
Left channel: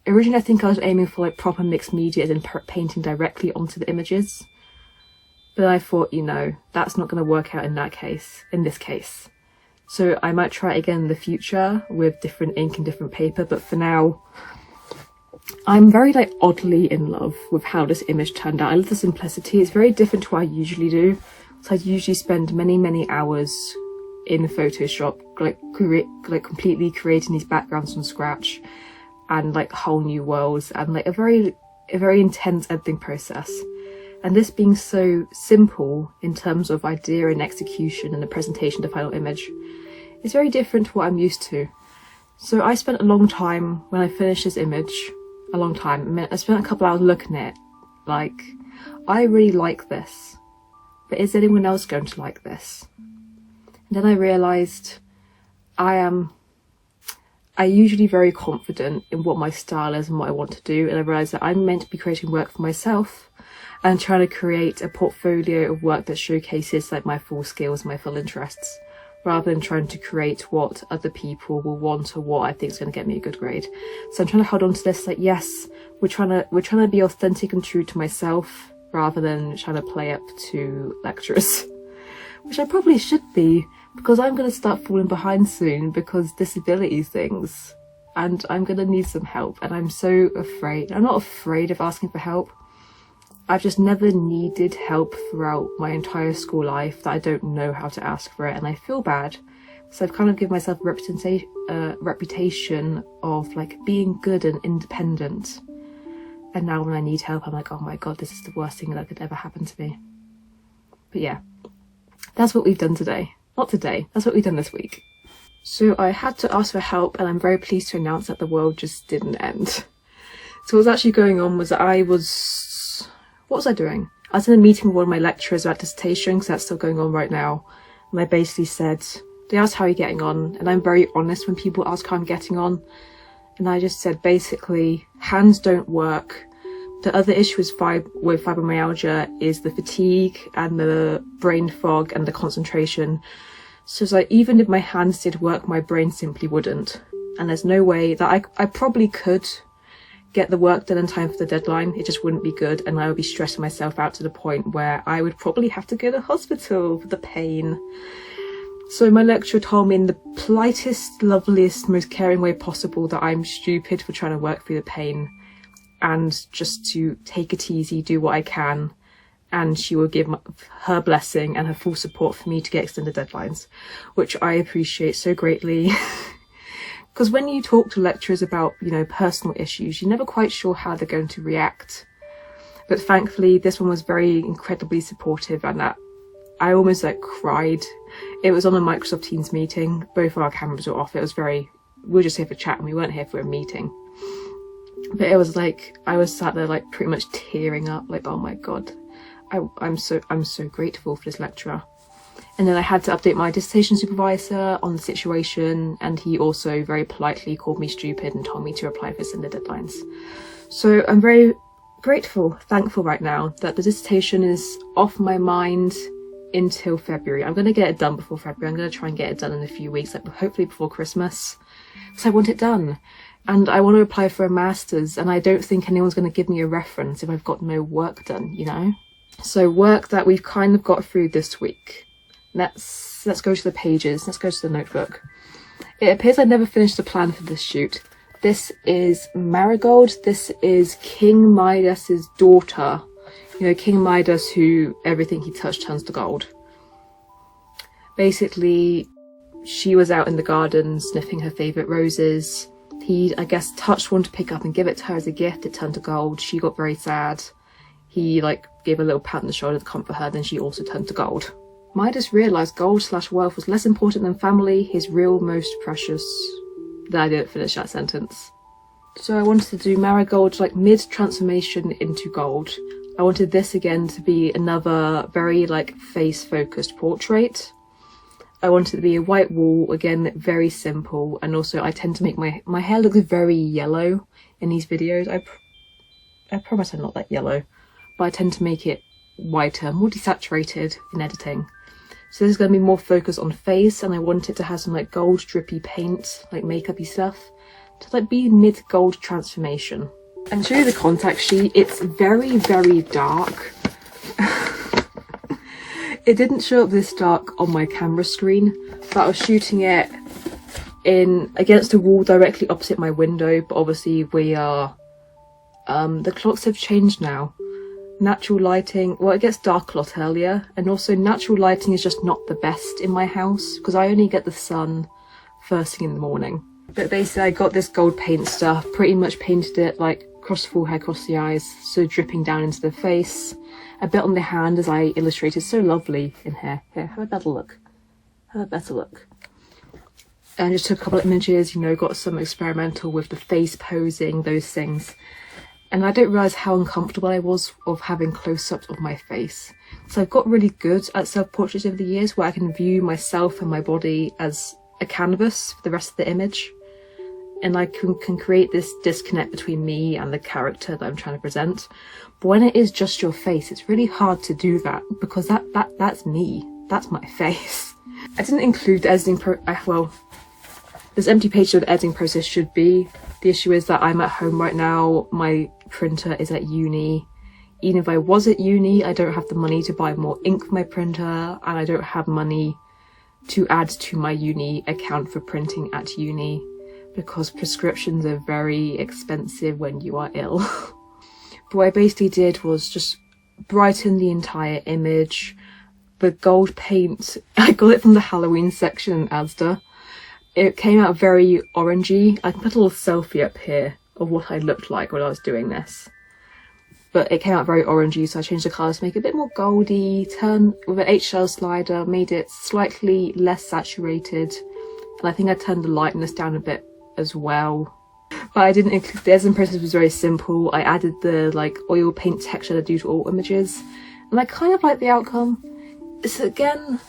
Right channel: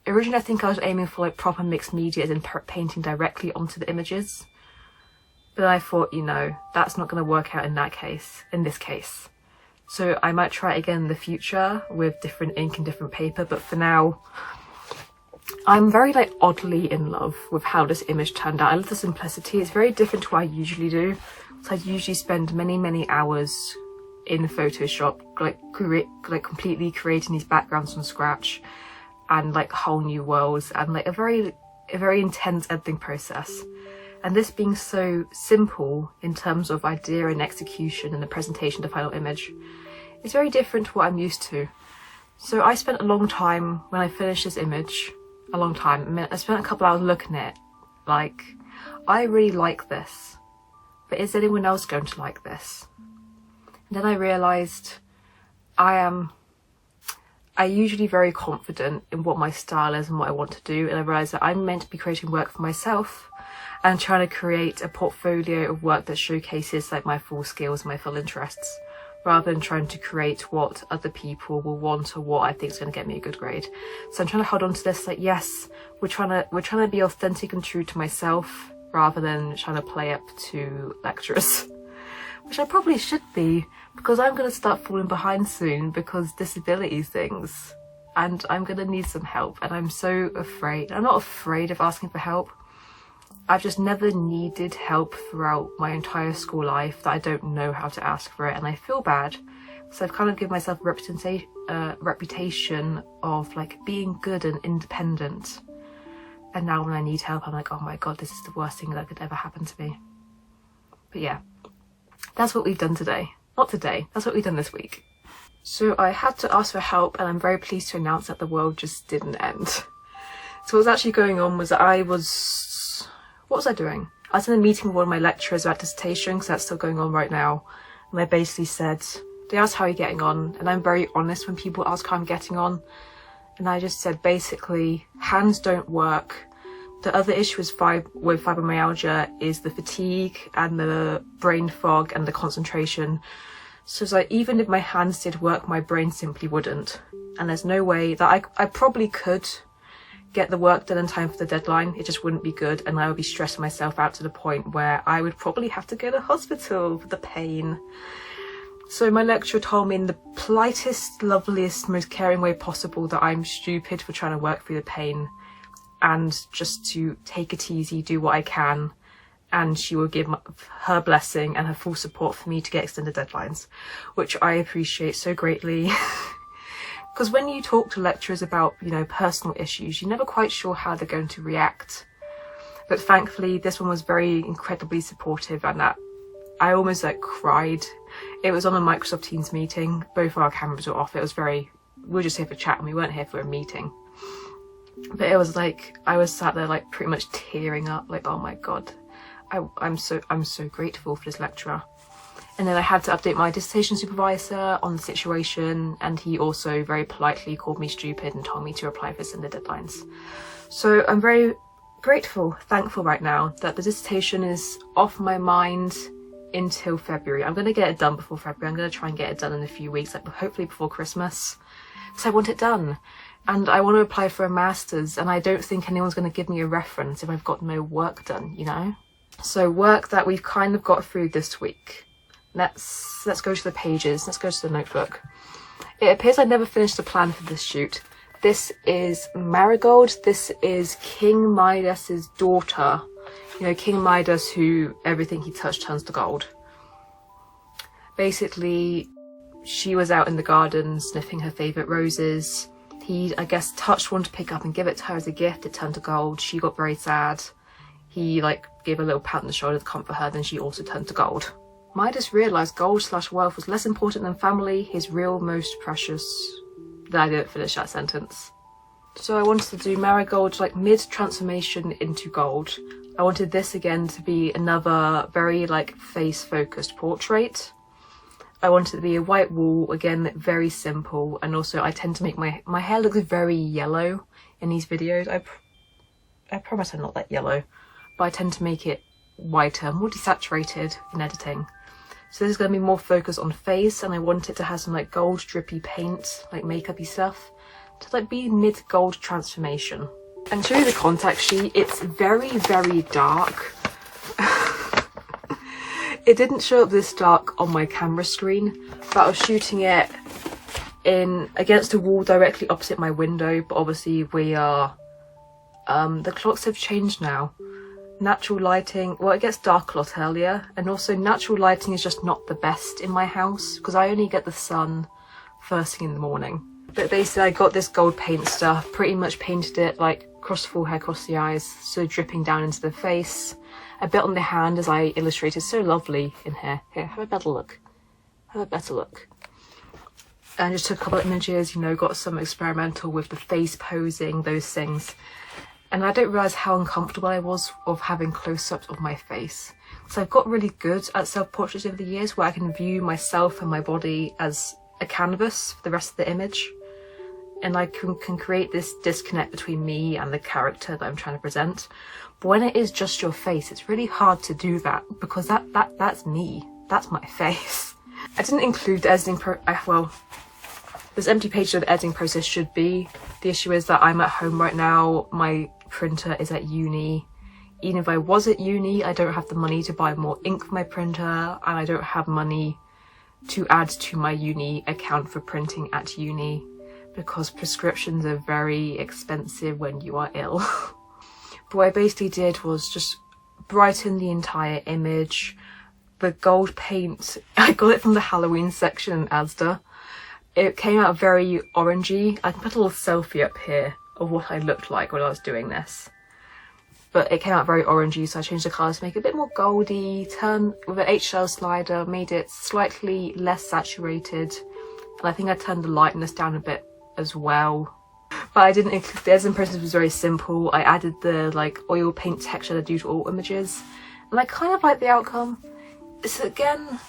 originally I think I was aiming for like proper mixed media and painting directly onto the images. But I thought, you know, that's not going to work out in this case. So I might try it again in the future with different ink and different paper, but for now, I'm very like oddly in love with how this image turned out. I love the simplicity. It's very different to what I usually do. So I usually spend many, many hours in Photoshop, like completely creating these backgrounds from scratch and like whole new worlds, and like a very intense editing process. And this being so simple in terms of idea and execution and the presentation to final image is very different to what I'm used to. So I spent a long time when I finished this image, I spent a couple hours looking at it, like, I really like this, but is anyone else going to like this? And then I realised I'm usually very confident in what my style is and what I want to do, and I realised that I'm meant to be creating work for myself and trying to create a portfolio of work that showcases like my full skills and my full interests, rather than trying to create what other people will want or what I think is going to get me a good grade. So I'm trying to hold on to this, like, yes, we're trying to be authentic and true to myself rather than trying to play up to lecturers, which I probably should be, because I'm going to start falling behind soon because disability things, and I'm going to need some help, and I'm so afraid. I'm not afraid of asking for help. I've just never needed help throughout my entire school life that I don't know how to ask for it, and I feel bad. So I've kind of given myself a reputation of like being good and independent, and now when I need help I'm like, oh my god, this is the worst thing that could ever happen to me. But yeah, that's what we've done today. Not today, that's what we've done this week. So I had to ask for help, and I'm very pleased to announce that the world just didn't end. So what was actually going on was that what was I doing? I was in a meeting with one of my lecturers about dissertation, because that's still going on right now. And I basically said, they asked how you're getting on, and I'm very honest when people ask how I'm getting on. And I just said, basically, hands don't work. The other issue with fibromyalgia is the fatigue and the brain fog and the concentration. So it's like, even if my hands did work, my brain simply wouldn't. And there's no way that I probably could get the work done in time for the deadline. It just wouldn't be good, and I would be stressing myself out to the point where I would probably have to go to hospital for the pain. So my lecturer told me in the politest, loveliest, most caring way possible that I'm stupid for trying to work through the pain, and just to take it easy, do what I can, and she will give her blessing and her full support for me to get extended deadlines, which I appreciate so greatly. Because when you talk to lecturers about, you know, personal issues, you're never quite sure how they're going to react. But thankfully, this one was very incredibly supportive, and that I almost like cried. It was on a Microsoft Teams meeting. Both our cameras were off. It was we were just here for chat, and we weren't here for a meeting. But it was like, I was sat there like pretty much tearing up, like, oh my god, I'm so grateful for this lecturer. And then I had to update my dissertation supervisor on the situation, and he also very politely called me stupid and told me to apply for extended deadlines. So I'm very grateful, thankful right now that the dissertation is off my mind until February. I'm going to get it done before February. I'm going to try and get it done in a few weeks, like hopefully before Christmas, because I want it done. And I want to apply for a master's, and I don't think anyone's going to give me a reference if I've got no work done, you know? So work that we've kind of got through this week. Let's go to the pages. Let's go to the notebook. It appears I never finished the plan for this shoot. This is Marigold. This is King Midas's daughter. You know, King Midas, who everything he touched turns to gold. Basically, she was out in the garden sniffing her favourite roses. He, I guess, touched one to pick up and give it to her as a gift. It turned to gold. She got very sad. He, like, gave a little pat on the shoulder to comfort her. Then she also turned to gold. Midas realised gold/wealth was less important than family, his real most precious. Then I didn't finish that sentence. So I wanted to do Marigold, like, mid-transformation into gold. I wanted this again to be another very, like, face-focused portrait. I wanted it to be a white wall, again, very simple, and also I tend to make my hair look very yellow in these videos. I promise I'm not that yellow, but I tend to make it whiter, more desaturated in editing. So this is going to be more focused on face, and I want it to have some like gold drippy paint, like makeup-y stuff, to like be mid-gold transformation. And show you the contact sheet. It's very, very dark. It didn't show up this dark on my camera screen, but I was shooting it against a wall directly opposite my window, but obviously we are, the clocks have changed now. natural lighting, well, it gets dark a lot earlier, and also natural lighting is just not the best in my house because I only get the sun first thing in the morning. But basically I got this gold paint stuff, pretty much painted it like across the forehead, across the eyes, so dripping down into the face, a bit on the hand as I illustrated so lovely in here. Here, have a better look. Have a better look. And just took a couple of images, you know, got some experimental with the face posing, those things. And I didn't realise how uncomfortable I was of having close-ups of my face. So I've got really good at self-portraits over the years where I can view myself and my body as a canvas for the rest of the image. And I can create this disconnect between me and the character that I'm trying to present. But when it is just your face, it's really hard to do that because that's me. That's my face. I didn't include the editing well, this empty page of the editing process should be. The issue is that I'm at home right now, my printer is at uni. Even if I was at uni, I don't have the money to buy more ink for my printer, and I don't have money to add to my uni account for printing at uni because prescriptions are very expensive when you are ill. But what I basically did was just brighten the entire image. The gold paint, I got it from the Halloween section in Asda. It came out very orangey. I can put a little selfie up here of what I looked like when I was doing this. But it came out very orangey, so I changed the colour to make it a bit more goldy, turned with an HL slider, made it slightly less saturated. And I think I turned the lightness down a bit as well. But I didn't include, the editing process was very simple. I added the like oil paint texture that I do to all images. And I kind of like the outcome. So again,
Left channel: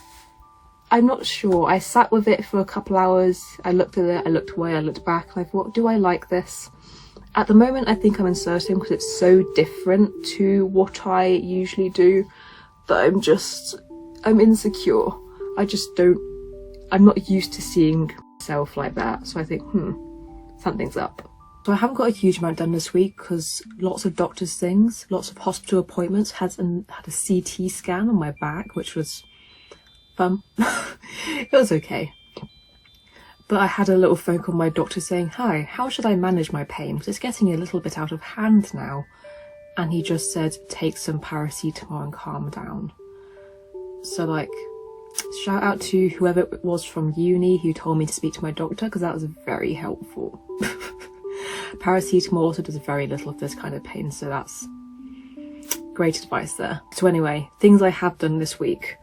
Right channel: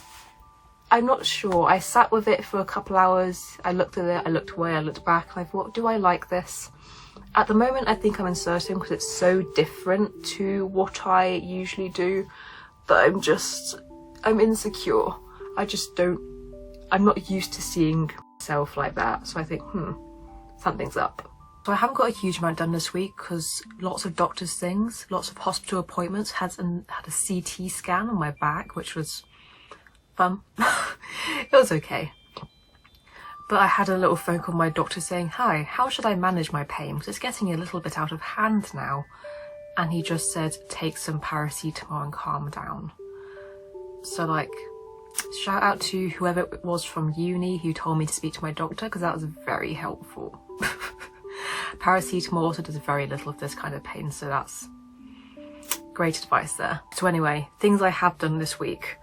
I'm not sure. I sat with it for a couple hours. I looked at it, I looked away, I looked back, and I thought, do I like this? At the moment, I think I'm inserting because it's so different to what I usually do that I'm insecure. I'm not used to seeing myself like that. So I think, something's up. So I haven't got a huge amount done this week because lots of doctor's things, lots of hospital appointments, had a CT scan on my back, which was fun. It was okay. But I had a little phone call from my doctor saying, hi, how should I manage my pain? Because it's getting a little bit out of hand now. And he just said, take some paracetamol and calm down. So like, shout out to whoever it was from uni who told me to speak to my doctor because that was very helpful. Paracetamol also does very little of this kind of pain, so that's great advice there. So anyway, things I have done this week.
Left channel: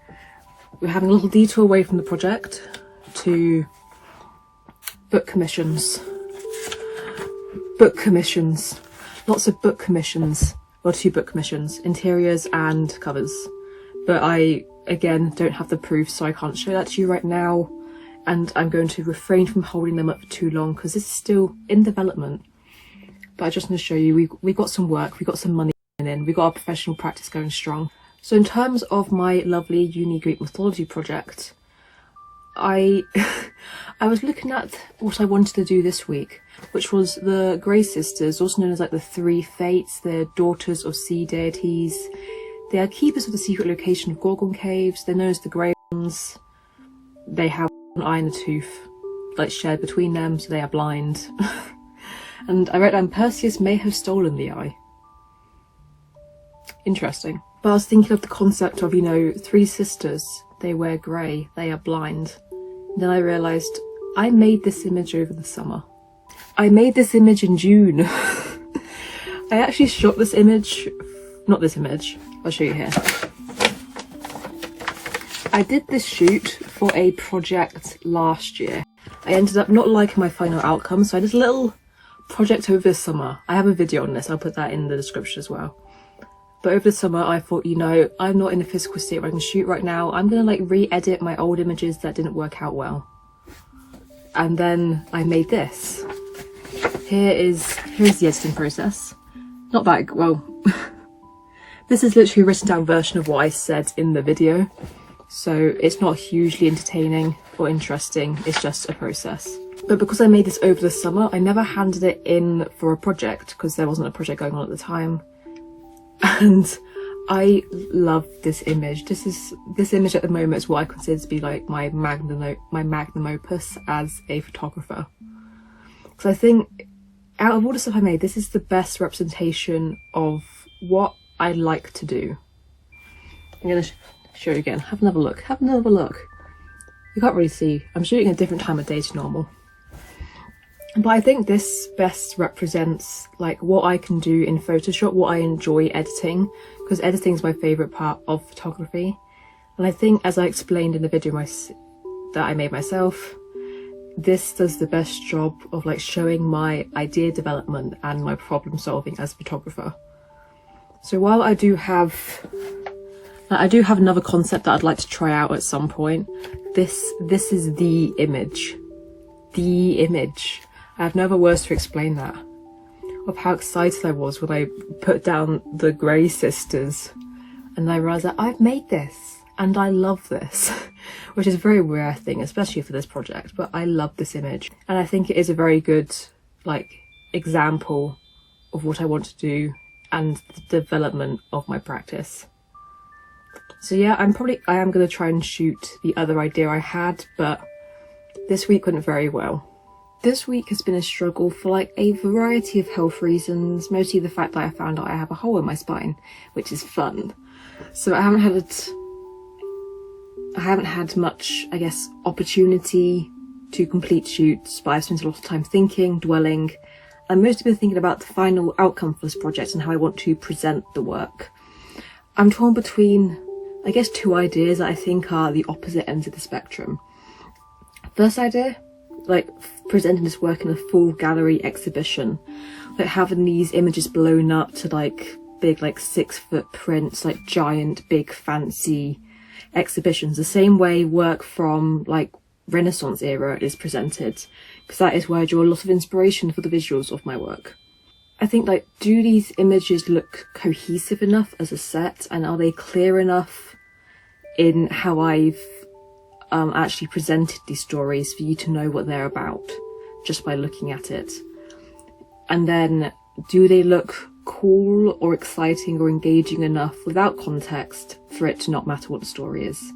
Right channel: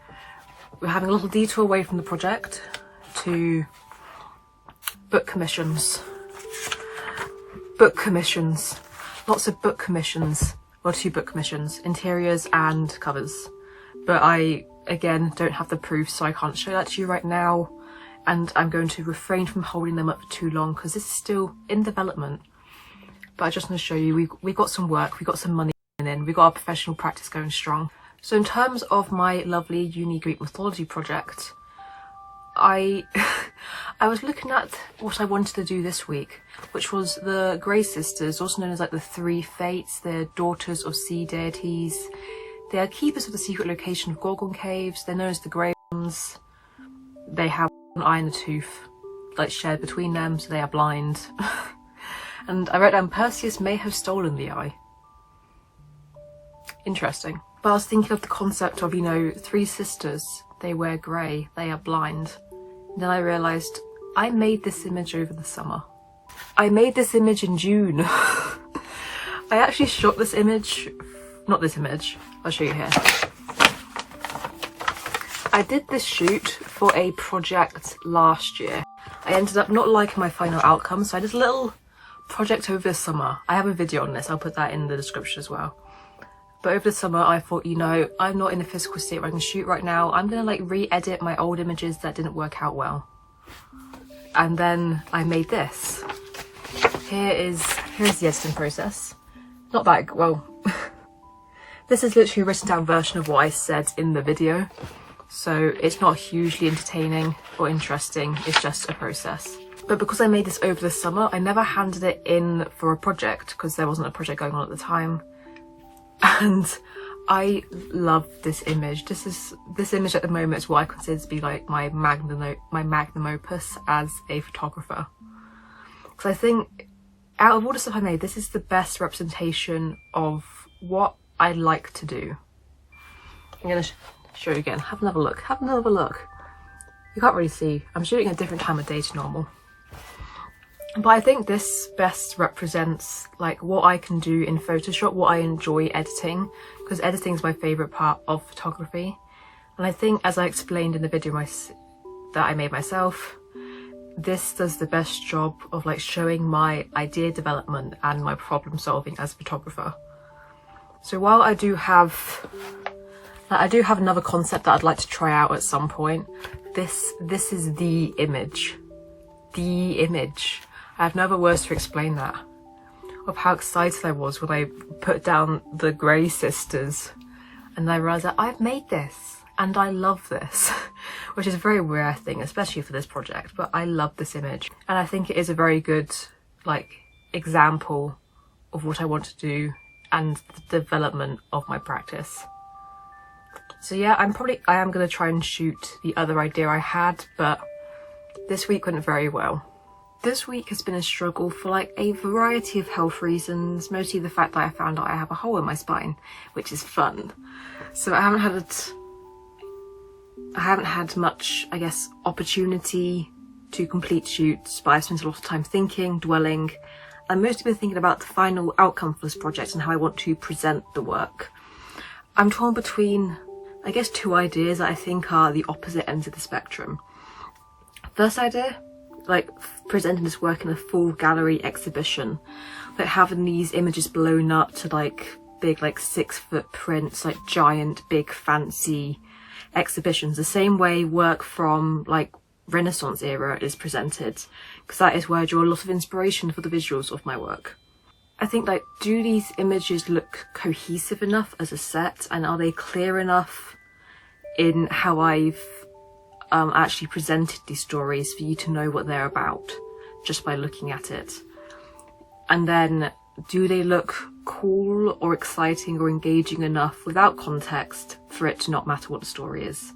We're having a little detour away from the project to book commissions. Book commissions. Lots of book commissions. Well, 2 book commissions, interiors and covers. But I, again, don't have the proof, so I can't show that to you right now. And I'm going to refrain from holding them up for too long because this is still in development. But I just want to show you, we got some work, we got some money in, we got our professional practice going strong. So in terms of my lovely uni Greek mythology project, I was looking at what I wanted to do this week, which was the Grey Sisters, also known as like the 3 Fates. They're daughters of sea deities. They are keepers of the secret location of Gorgon Caves. They're known as the Grey Ones. They have an eye and a tooth, like shared between them, so they are blind. And I wrote down Perseus may have stolen the eye. Interesting. But I was thinking of the concept of, you know, 3 sisters. They wear grey. They are blind. Then I realised I made this image over the summer. I made this image in June. I actually shot this image. Not this image. I'll show you here. I did this shoot for a project last year. I ended up not liking my final outcome, so I did a little project over the summer. I have a video on this. I'll put that in the description as well. But over the summer, I thought, you know, I'm not in a physical state where I can shoot right now. I'm going to like re-edit my old images that didn't work out well. And then I made this. Here's the editing process. Not that, well, this is literally a written down version of what I said in the video. So it's not hugely entertaining or interesting. It's just a process. But because I made this over the summer, I never handed it in for a project because there wasn't a project going on at the time. And I love this image. This image at the moment is what I consider to be like my magnum opus as a photographer. Because I think out of all the stuff I made, this is the best representation of what I like to do. I'm going to show you again. Have another look. Have another look. You can't really see. I'm shooting a different time of day to normal. But I think this best represents like what I can do in Photoshop, what I enjoy editing, because editing is my favourite part of photography. And I think, as I explained in the video that I made myself, this does the best job of like showing my idea development and my problem solving as a photographer. So while I do have another concept that I'd like to try out at some point, this is the image. The image. I have no other words to explain that. Of how excited I was when I put down the Grey Sisters and I realised that I've made this and I love this, which is a very rare thing, especially for this project, but I love this image. And I think it is a very good like example of what I want to do and the development of my practice. So yeah, I am going to try and shoot the other idea I had, but this week went very well. This week has been a struggle for like a variety of health reasons, mostly the fact that I found out I have a hole in my spine, which is fun. So I haven't had much, I guess, opportunity to complete shoots, but I've spent a lot of time thinking, dwelling, and mostly been thinking about the final outcome for this project and how I want to present the work. I'm torn between, I guess, two ideas that I think are the opposite ends of the spectrum. First idea, like presenting this work in a full gallery exhibition, like having these images blown up to like big like 6-foot prints, like giant big fancy exhibitions, the same way work from like Renaissance era is presented, because that is where I draw a lot of inspiration for the visuals of my work. I think like, do these images look cohesive enough as a set, and are they clear enough in how I've actually presented these stories for you to know what they're about just by looking at it? And then, do they look cool or exciting or engaging enough without context for it to not matter what the story is?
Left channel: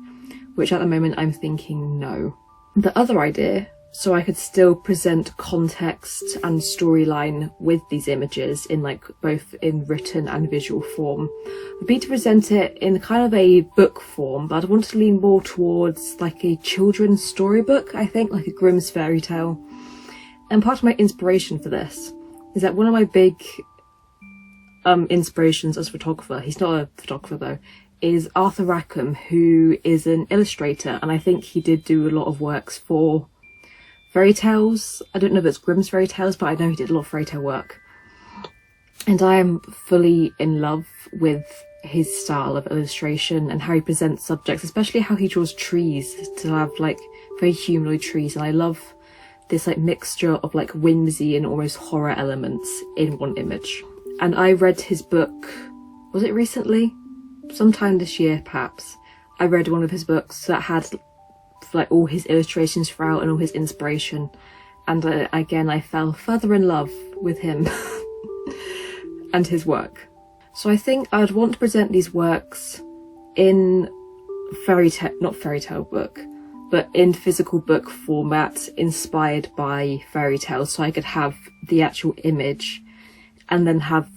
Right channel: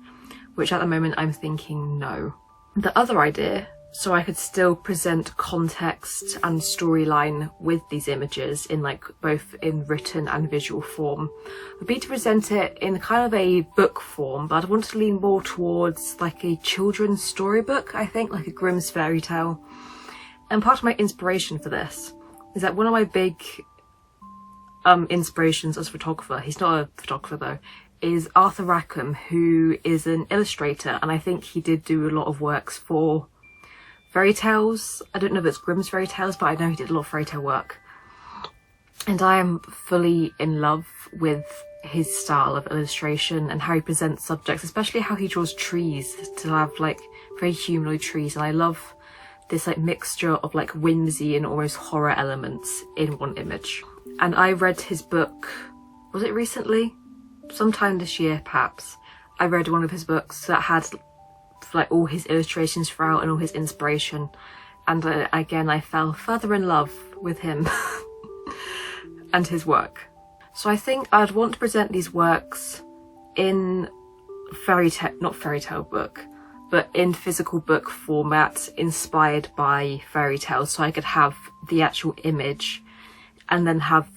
Which at the moment I'm thinking no. The other idea, so I could still present context and storyline with these images in like both in written and visual form, would be to present it in kind of a book form, but I'd want to lean more towards like a children's storybook, I think, like a Grimm's fairy tale. And part of my inspiration for this is that one of my big inspirations as a photographer, he's not a photographer though, is Arthur Rackham, who is an illustrator, and I think he did do a lot of works for fairy tales. I don't know if it's Grimm's fairy tales, but I know he did a lot of fairy tale work. And I am fully in love with his style of illustration and how he presents subjects, especially how he draws trees to have like very humanoid trees. And I love this like mixture of like whimsy and almost horror elements in one image. And I read his book, was it recently? Sometime this year, perhaps. I read one of his books that had like all his illustrations throughout and all his inspiration, and again I fell further in love with him and his work. So I think I'd want to present these works in not fairy tale book, but in physical book format inspired by fairy tales, so I could have the actual image and then have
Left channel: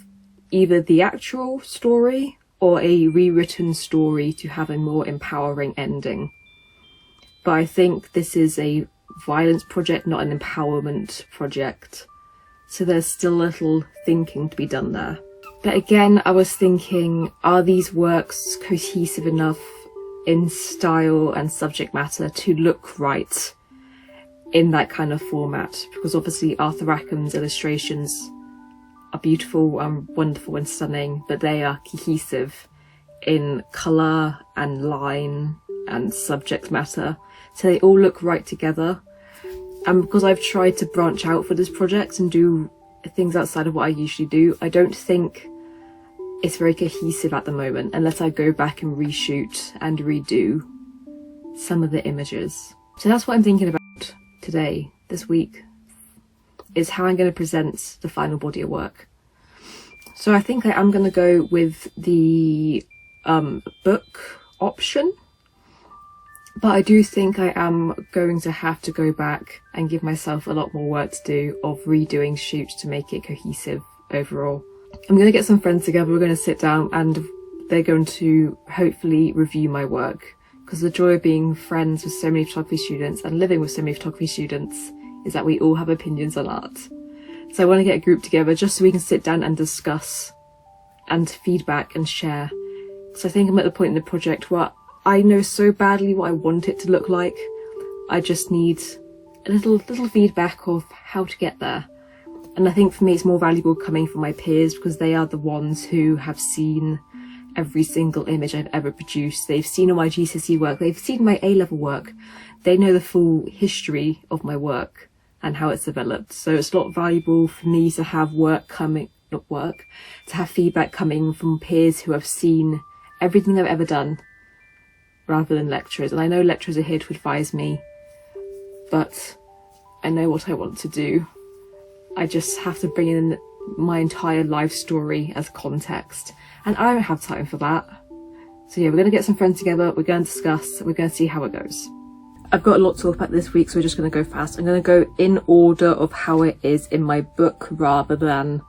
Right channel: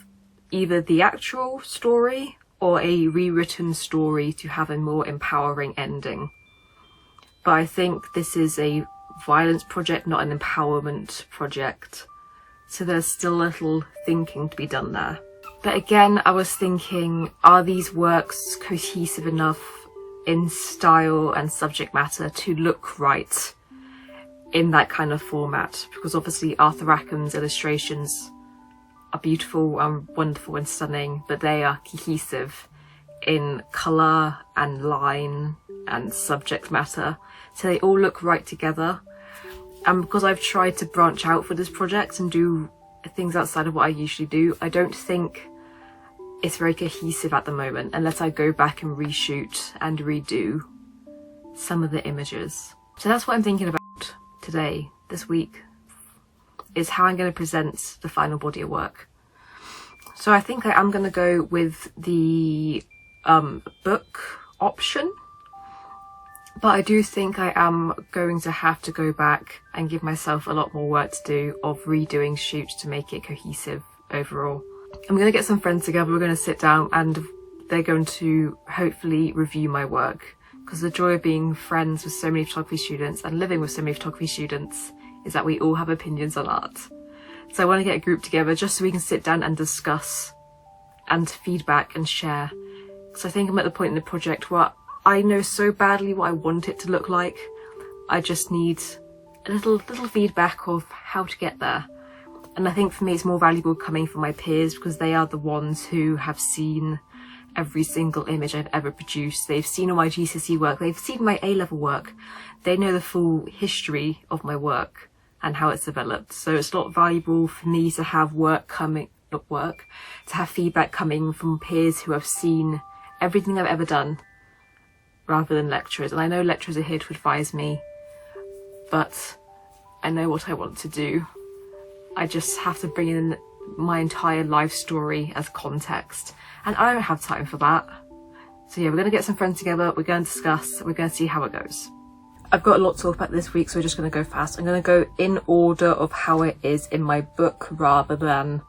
either the actual story or a rewritten story to have a more empowering ending. But I think this is a violence project, not an empowerment project. So there's still a little thinking to be done there. But again, I was thinking, are these works cohesive enough in style and subject matter to look right in that kind of format? Because obviously Arthur Rackham's illustrations are beautiful and wonderful and stunning, but they are cohesive in colour and line and subject matter, so they all look right together. And because I've tried to branch out for this project and do things outside of what I usually do, I don't think it's very cohesive at the moment unless I go back and reshoot and redo some of the images. So that's what I'm thinking about today, this week, is how I'm going to present the final body of work. So I think I am going to go with the book option, but I do think I am going to have to go back and give myself a lot more work to do of redoing shoots to make it cohesive overall. I'm going to get some friends together, we're going to sit down and they're going to hopefully review my work, because the joy of being friends with so many photography students and living with so many photography students is that we all have opinions on art. So I want to get a group together just so we can sit down and discuss and feedback and share. So I think I'm at the point in the project where I know so badly what I want it to look like. I just need a little feedback of how to get there. And I think for me it's more valuable coming from my peers, because they are the ones who have seen every single image I've ever produced. They've seen all my GCSE work, they've seen my A-level work, they know the full history of my work and how it's developed. So it's a lot valuable for me to have to have feedback coming from peers who have seen everything I've ever done, rather than lecturers. And I know lecturers are here to advise me, but I know what I want to do. I just have to bring in my entire life story as context, and I don't have time for that. So yeah, we're going to get some friends together, we're going to discuss, we're going to see how it goes. I've got a lot to talk about this week, so we're just going to go fast. I'm going to go in order of how it is in my book rather than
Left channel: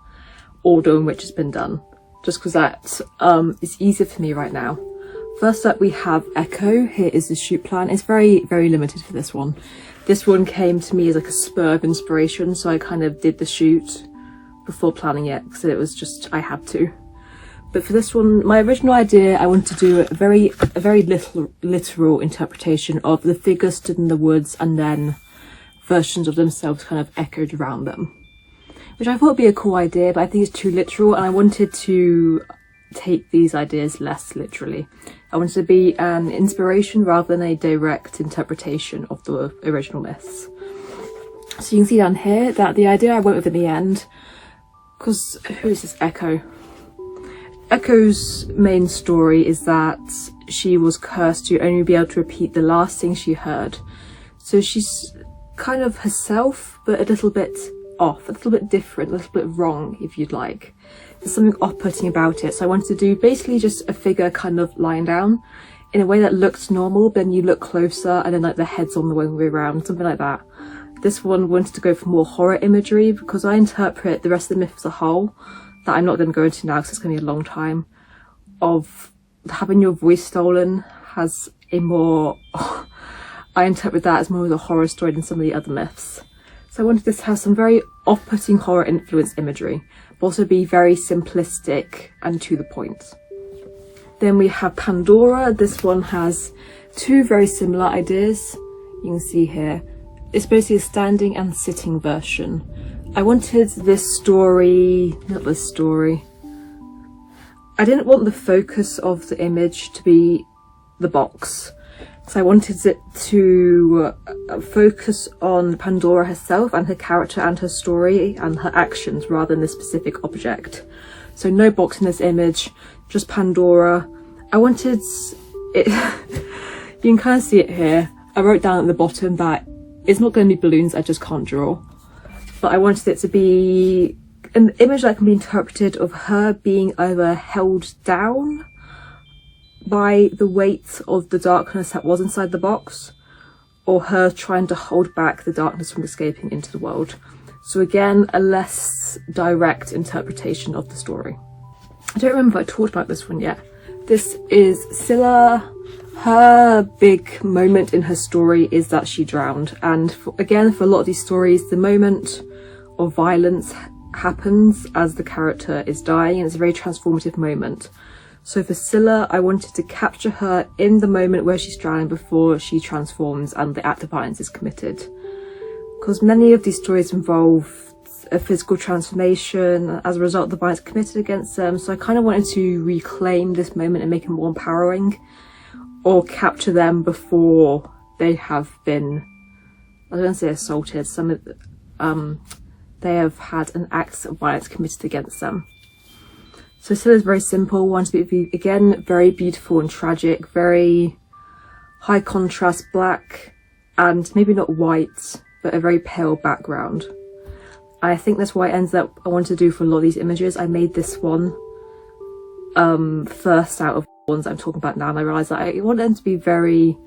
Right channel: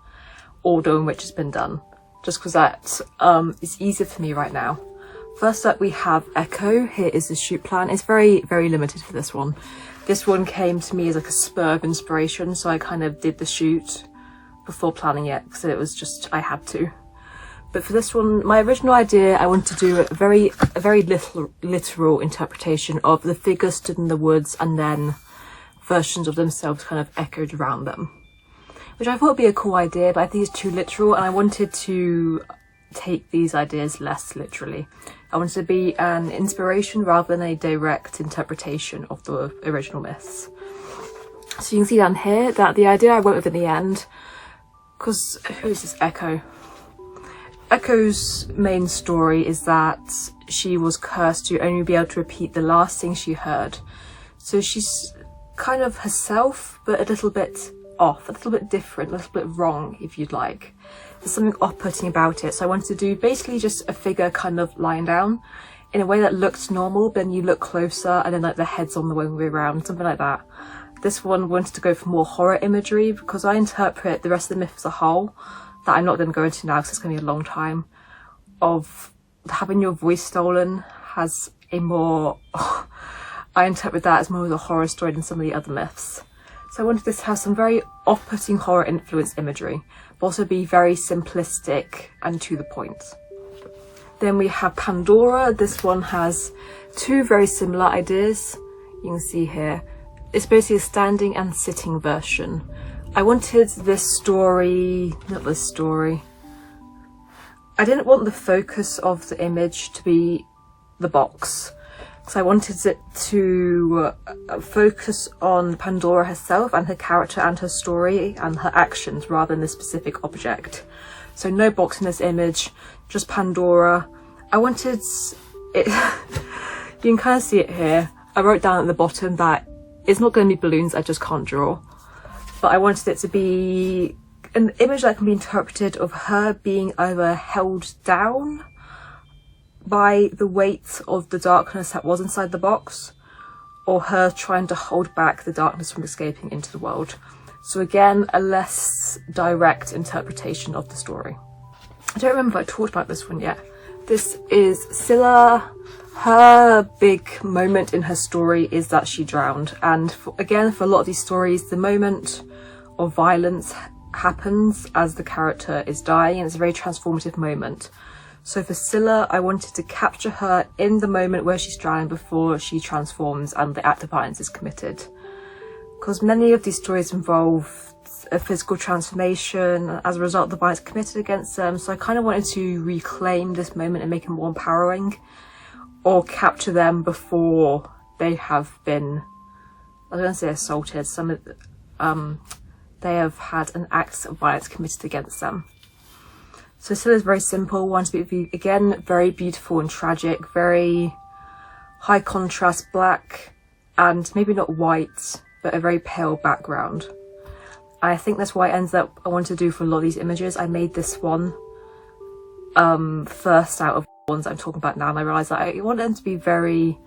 order in which it's been done, just because that is easier for me right now. First up we have Echo. Here is the shoot plan. It's very limited for this one. This one came to me as like a spur of inspiration, so I kind of did the shoot before planning it, because it was just, I had to. But for this one, my original idea, I wanted to do a very literal interpretation of the figures stood in the woods and then versions of themselves kind of echoed around them, which I thought would be a cool idea, but I think it's too literal, and I wanted to take these ideas less literally. I wanted to be an inspiration rather than a direct interpretation of the original myths. So you can see down here that the idea I went with in the end, because who's this Echo? Echo's main story is that she was cursed to only be able to repeat the last thing she heard. So she's kind of herself, but a little bit off, a little bit different, a little bit wrong, if you'd like. There's something off-putting about it. So I wanted to do basically just a figure kind of lying down in a way that looked normal, but then you look closer and then like the head's on the way around, something like that. This one wanted to go for more horror imagery, because I interpret the rest of the myth as a whole, that I'm not going to go into now because it's going to be a long time, of having your voice stolen has a more, I interpret that as more of a horror story than some of the other myths. So I wanted this to have some very off-putting horror influenced imagery, but also be very simplistic and to the point. Then we have Pandora. This one has two very similar ideas. You can see here. It's basically a standing and sitting version. I wanted this story, not this story. I didn't want the focus of the image to be the box. So I wanted it to focus on Pandora herself and her character and her story and her actions rather than the specific object. So no box in this image, just Pandora. I wanted it, you can kind of see it here. I wrote down at the bottom that it's not going to be balloons, I just can't draw. But I wanted it to be an image that can be interpreted of her being either held down by the weight of the darkness that was inside the box, or her trying to hold back the darkness from escaping into the world. So again, a less direct interpretation of the story. I don't remember if I talked about this one yet. This is Silla. Her big moment in her story is that she drowned, and again, for a lot of these stories, the moment of violence happens as the character is dying, and it's a very transformative moment. So for Silla, I wanted to capture her in the moment where she's drowning before she transforms and the act of violence is committed. Because many of these stories involve a physical transformation as a result of the violence committed against them, so I kind of wanted to reclaim this moment and make it more empowering, or capture them before they have been, I was going to say assaulted, they have had an act of violence committed against them. So Silla is very simple, wanted to be, again, very beautiful and tragic, very high contrast black, and maybe not white, but a very pale background. And I think that's why it ends up, I wanted to do for a lot of these images. I made this one first out of the ones I'm talking about now, and I realised that I wanted them to be very,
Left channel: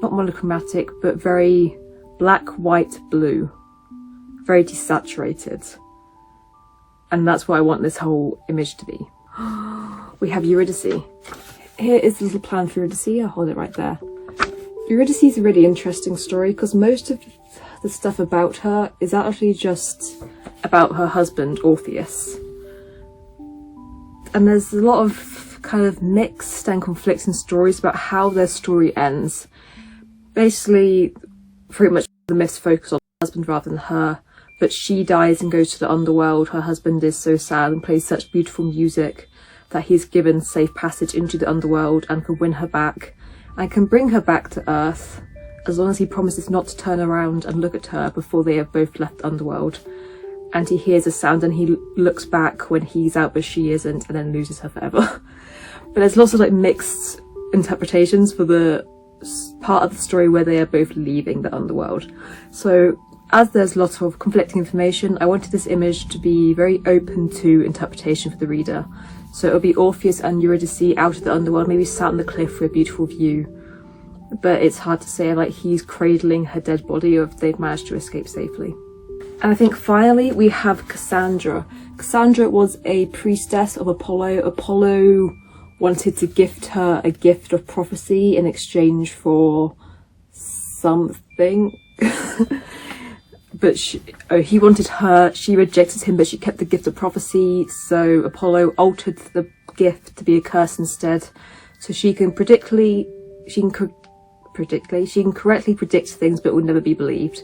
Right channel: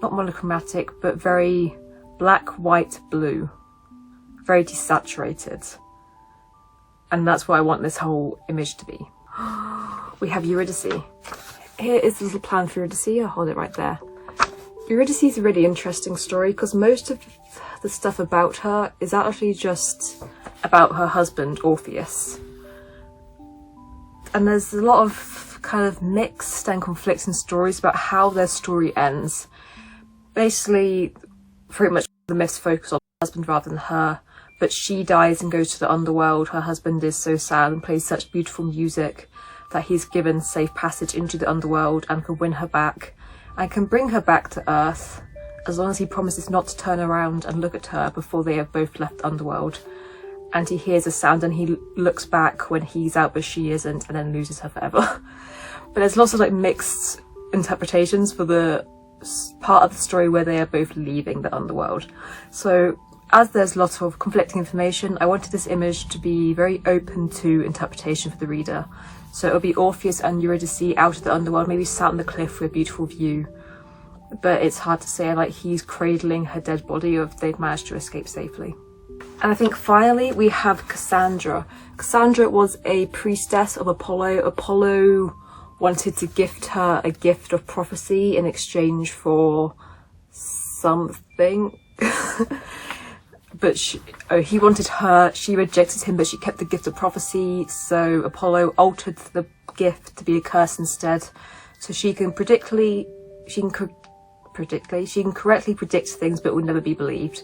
not monochromatic, but very black, white, blue, very desaturated. And that's what I want this whole image to be. We have Eurydice. Here is the little plan for Eurydice. I'll hold it right there. Eurydice is a really interesting story because most of the stuff about her is actually just about her husband, Orpheus. And there's a lot of kind of mixed and conflicting stories about how their story ends. Basically, pretty much the myths focus on her husband rather than her, but she dies and goes to the underworld. Her husband is so sad and plays such beautiful music that he's given safe passage into the underworld and can win her back and can bring her back to Earth as long as he promises not to turn around and look at her before they have both left the underworld. And he hears a sound and he looks back when he's out but she isn't, and then loses her forever. But there's lots of like mixed interpretations for the part of the story where they are both leaving the underworld. So as there's lots of conflicting information, I wanted this image to be very open to interpretation for the reader. So it'll be Orpheus and Eurydice out of the underworld, maybe sat on the cliff with a beautiful view. But it's hard to say, like he's cradling her dead body or if they've managed to escape safely. And I think finally we have Cassandra. Cassandra was a priestess of Apollo. Apollo wanted to gift her a gift of prophecy in exchange for something. But he wanted her, she rejected him, but she kept the gift of prophecy. So Apollo altered the gift to be a curse instead. So she can correctly predict things but will never be believed.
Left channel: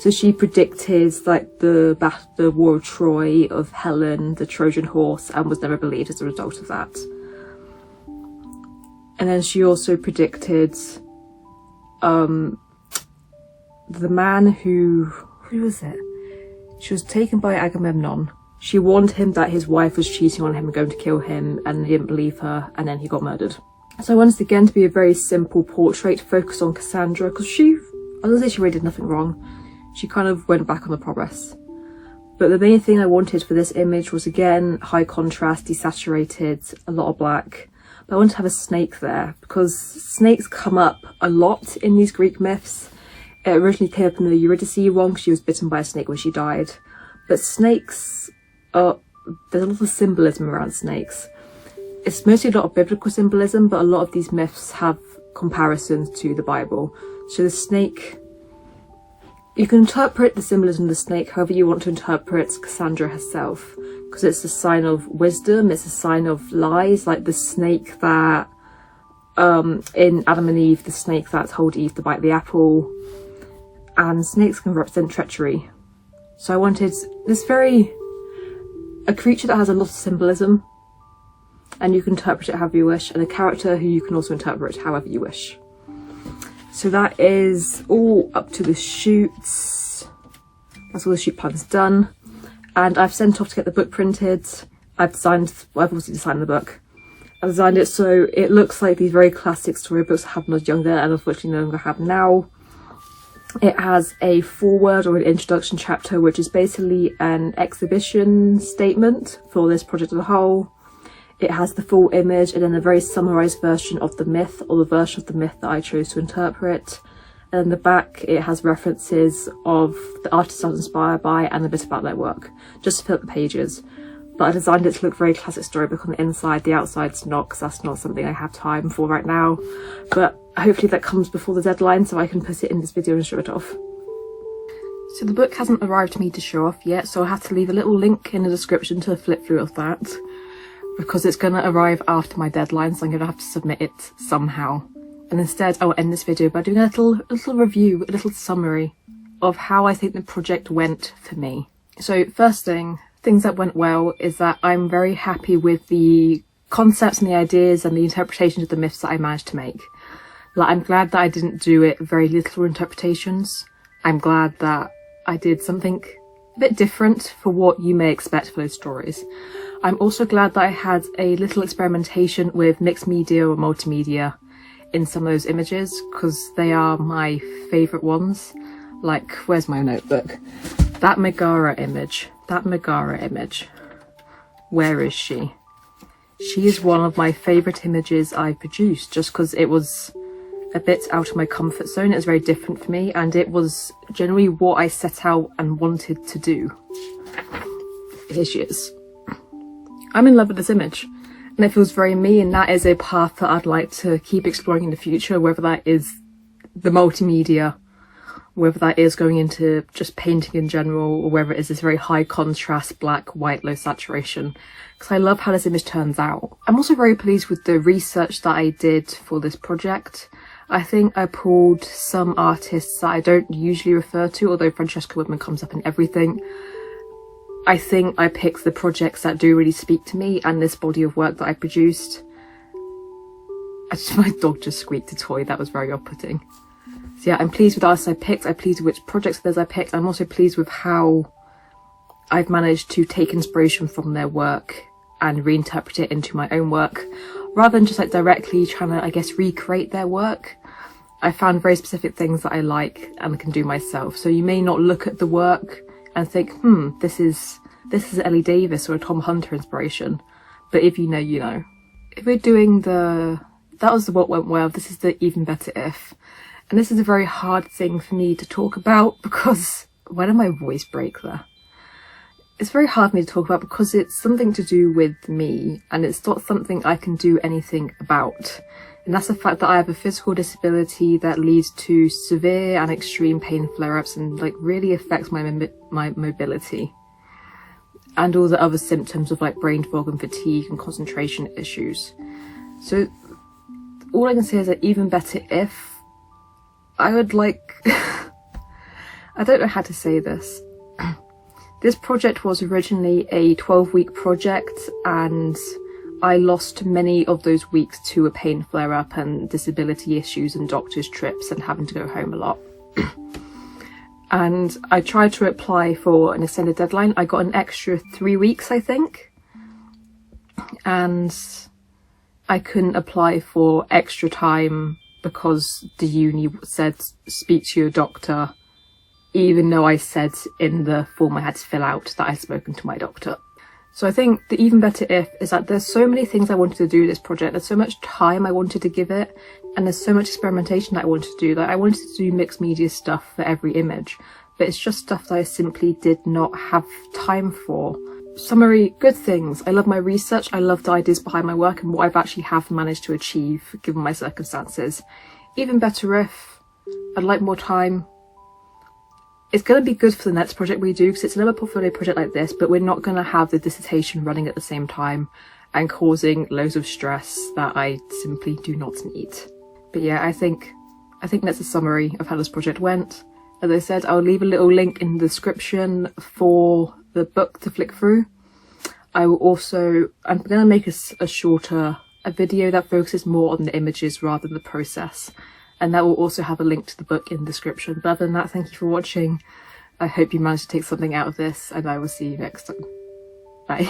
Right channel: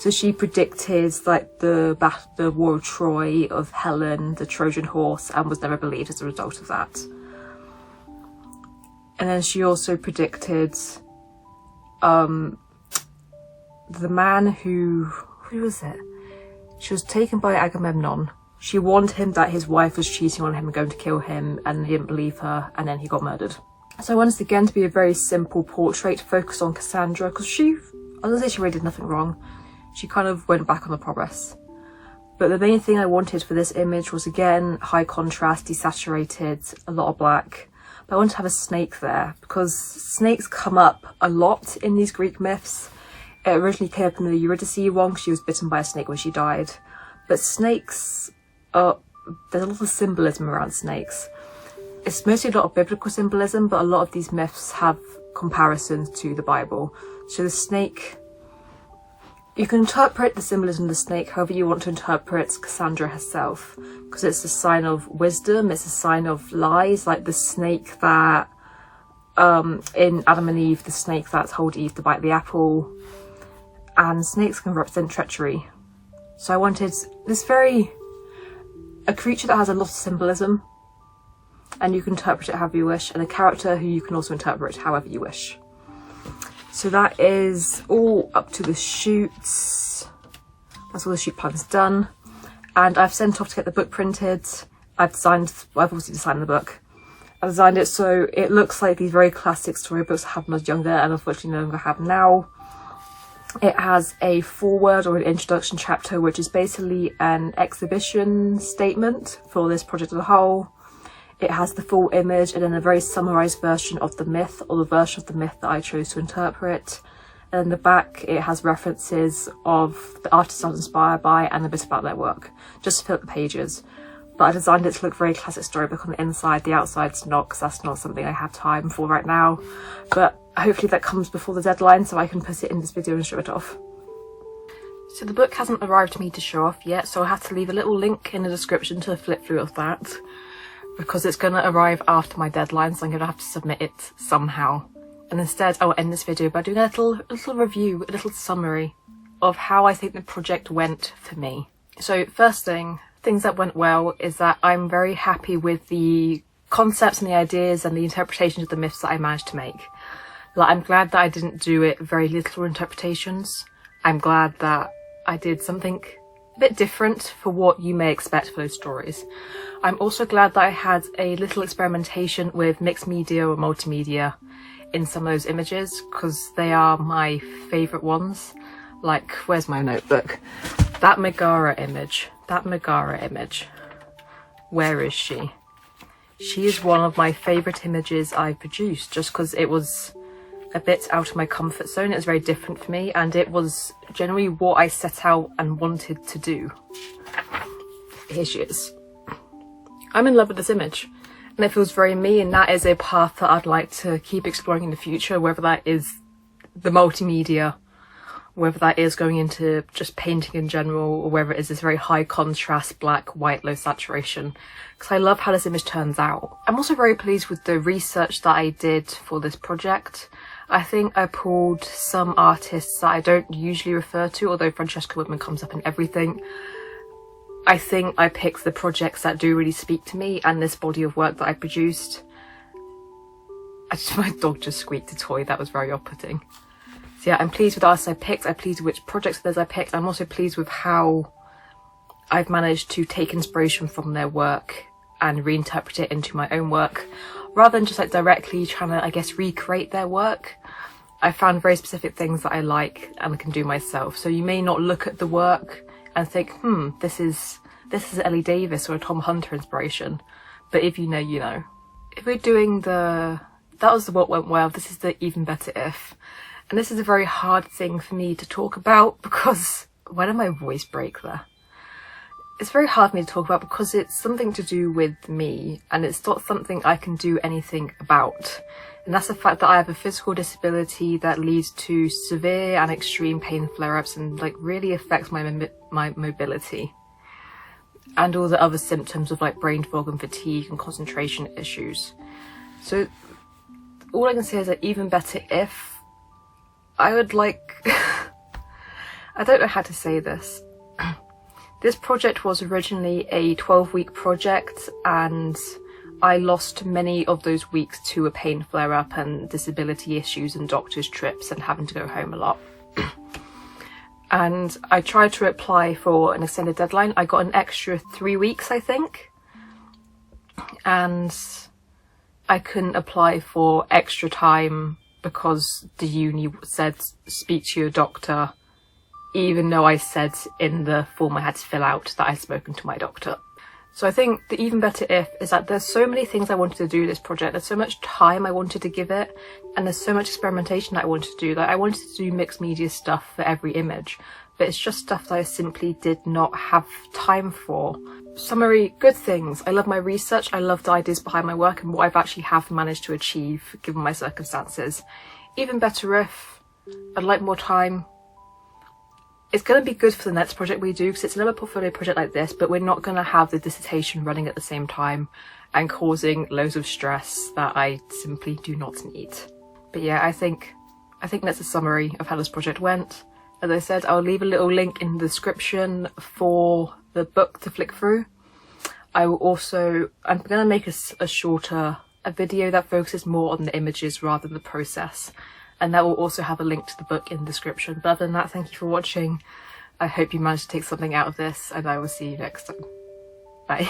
So she predicted like the war of Troy, of Helen, the Trojan horse, and was never believed as a result of that. And then she also predicted the man who was it? She was taken by Agamemnon. She warned him that his wife was cheating on him and going to kill him, and he didn't believe her, and then he got murdered. So I wanted again to be a very simple portrait, focused on Cassandra, because I don't say she really did nothing wrong. She kind of went back on the progress. But the main thing I wanted for this image was again high contrast, desaturated, a lot of black. But I wanted to have a snake there because snakes come up a lot in these Greek myths. It originally came up in the Eurydice one because she was bitten by a snake when she died. But snakes there's a lot of symbolism around snakes. It's mostly a lot of biblical symbolism, but a lot of these myths have comparisons to the Bible. So the snake, you can interpret the symbolism of the snake however you want to interpret Cassandra herself, because it's a sign of wisdom, it's a sign of lies, like the snake that in Adam and Eve, the snake that told Eve to bite the apple. And snakes can represent treachery. So I wanted a creature that has a lot of symbolism, and you can interpret it however you wish, and a character who you can also interpret however you wish. So that is all up to the shoots. That's all the shoot plans done. And I've sent off to get the book printed. I've obviously designed the book. I designed it so it looks like these very classic storybooks I had when I was younger and unfortunately no longer have now. It has a foreword or an introduction chapter, which is basically an exhibition statement for this project as a whole. It has the full image and then a very summarised version of the myth, or the version of the myth that I chose to interpret. And in the back, it has references of the artists I was inspired by and a bit about their work, just to fill up the pages. But I designed it to look very classic storybook on the inside. The outside's not, because that's not something I have time for right now. But hopefully that comes before the deadline so I can put it in this video and show it off. So the book hasn't arrived to me to show off yet, so I have to leave a little link in the description to flip through of that, because it's going to arrive after my deadline, so I'm going to have to submit it somehow. And instead I'll end this video by doing a little review, a little summary of how I think the project went for me. So first thing, things that went well is that I'm very happy with the concepts and the ideas and the interpretations of the myths that I managed to make. Like, I'm glad that I didn't do it very literal interpretations. I'm glad that I did something a bit different for what you may expect for those stories. I'm also glad that I had a little experimentation with mixed media or multimedia in some of those images, because they are my favourite ones. Like, where's my notebook? That Megara image. Where is she? She is one of my favourite images I've produced, just because it was a bit out of my comfort zone. It was very different for me, and it was generally what I set out and wanted to do. Here she is. I'm in love with this image and it feels very me, and that is a path that I'd like to keep exploring in the future, whether that is the multimedia, whether that is going into just painting in general, or whether it is this very high contrast black, white, low saturation, because I love how this image turns out. I'm also very pleased with the research that I did for this project. I think I pulled some artists that I don't usually refer to, although Francesca Woodman comes up in everything. I think I picked the projects that do really speak to me and this body of work that I produced. My dog just squeaked a toy, that was very off-putting. So yeah, I'm pleased with the artists I picked, I'm pleased with which projects of theirs I picked. I'm also pleased with how I've managed to take inspiration from their work and reinterpret it into my own work, rather than just like directly trying to, I guess, recreate their work. I found very specific things that I like and I can do myself. So you may not look at the work and think, this is Ellie Davis or a Tom Hunter inspiration. But if you know, you know. If we're doing that was the what went well, this is the even better if. And this is a very hard thing for me to talk about because, why did my voice break there? It's very hard for me to talk about because it's something to do with me and it's not something I can do anything about. And that's the fact that I have a physical disability that leads to severe and extreme pain flare-ups and like really affects my mobility. And all the other symptoms of like brain fog and fatigue and concentration issues. So all I can say is that even better if I would like, I don't know how to say this. This project was originally a 12-week project and I lost many of those weeks to a pain flare-up and disability issues and doctor's trips and having to go home a lot. And I tried to apply for an extended deadline. I got an extra 3 weeks, I think. And I couldn't apply for extra time because the uni said speak to your doctor, even though I said in the form I had to fill out that I'd spoken to my doctor. So I think the even better if is that there's so many things I wanted to do with this project, there's so much time I wanted to give it, and there's so much experimentation that I wanted to do. Like I wanted to do mixed media stuff for every image, but it's just stuff that I simply did not have time for. Summary, good things. I love my research, I love the ideas behind my work and what I've actually have managed to achieve given my circumstances. Even better if I'd like more time. It's going to be good for the next project we do because it's another portfolio project like this, but we're not going to have the dissertation running at the same time and causing loads of stress that I simply do not need. But yeah, I think that's a summary of how this project went. As I said, I'll leave a little link in the description for the book to flick through. I'm going to make a video that focuses more on the images rather than the process. And that will also have a link to the book in the description. But other than that, thank you for watching. I hope you managed to take something out of this and I will see you next time. Bye.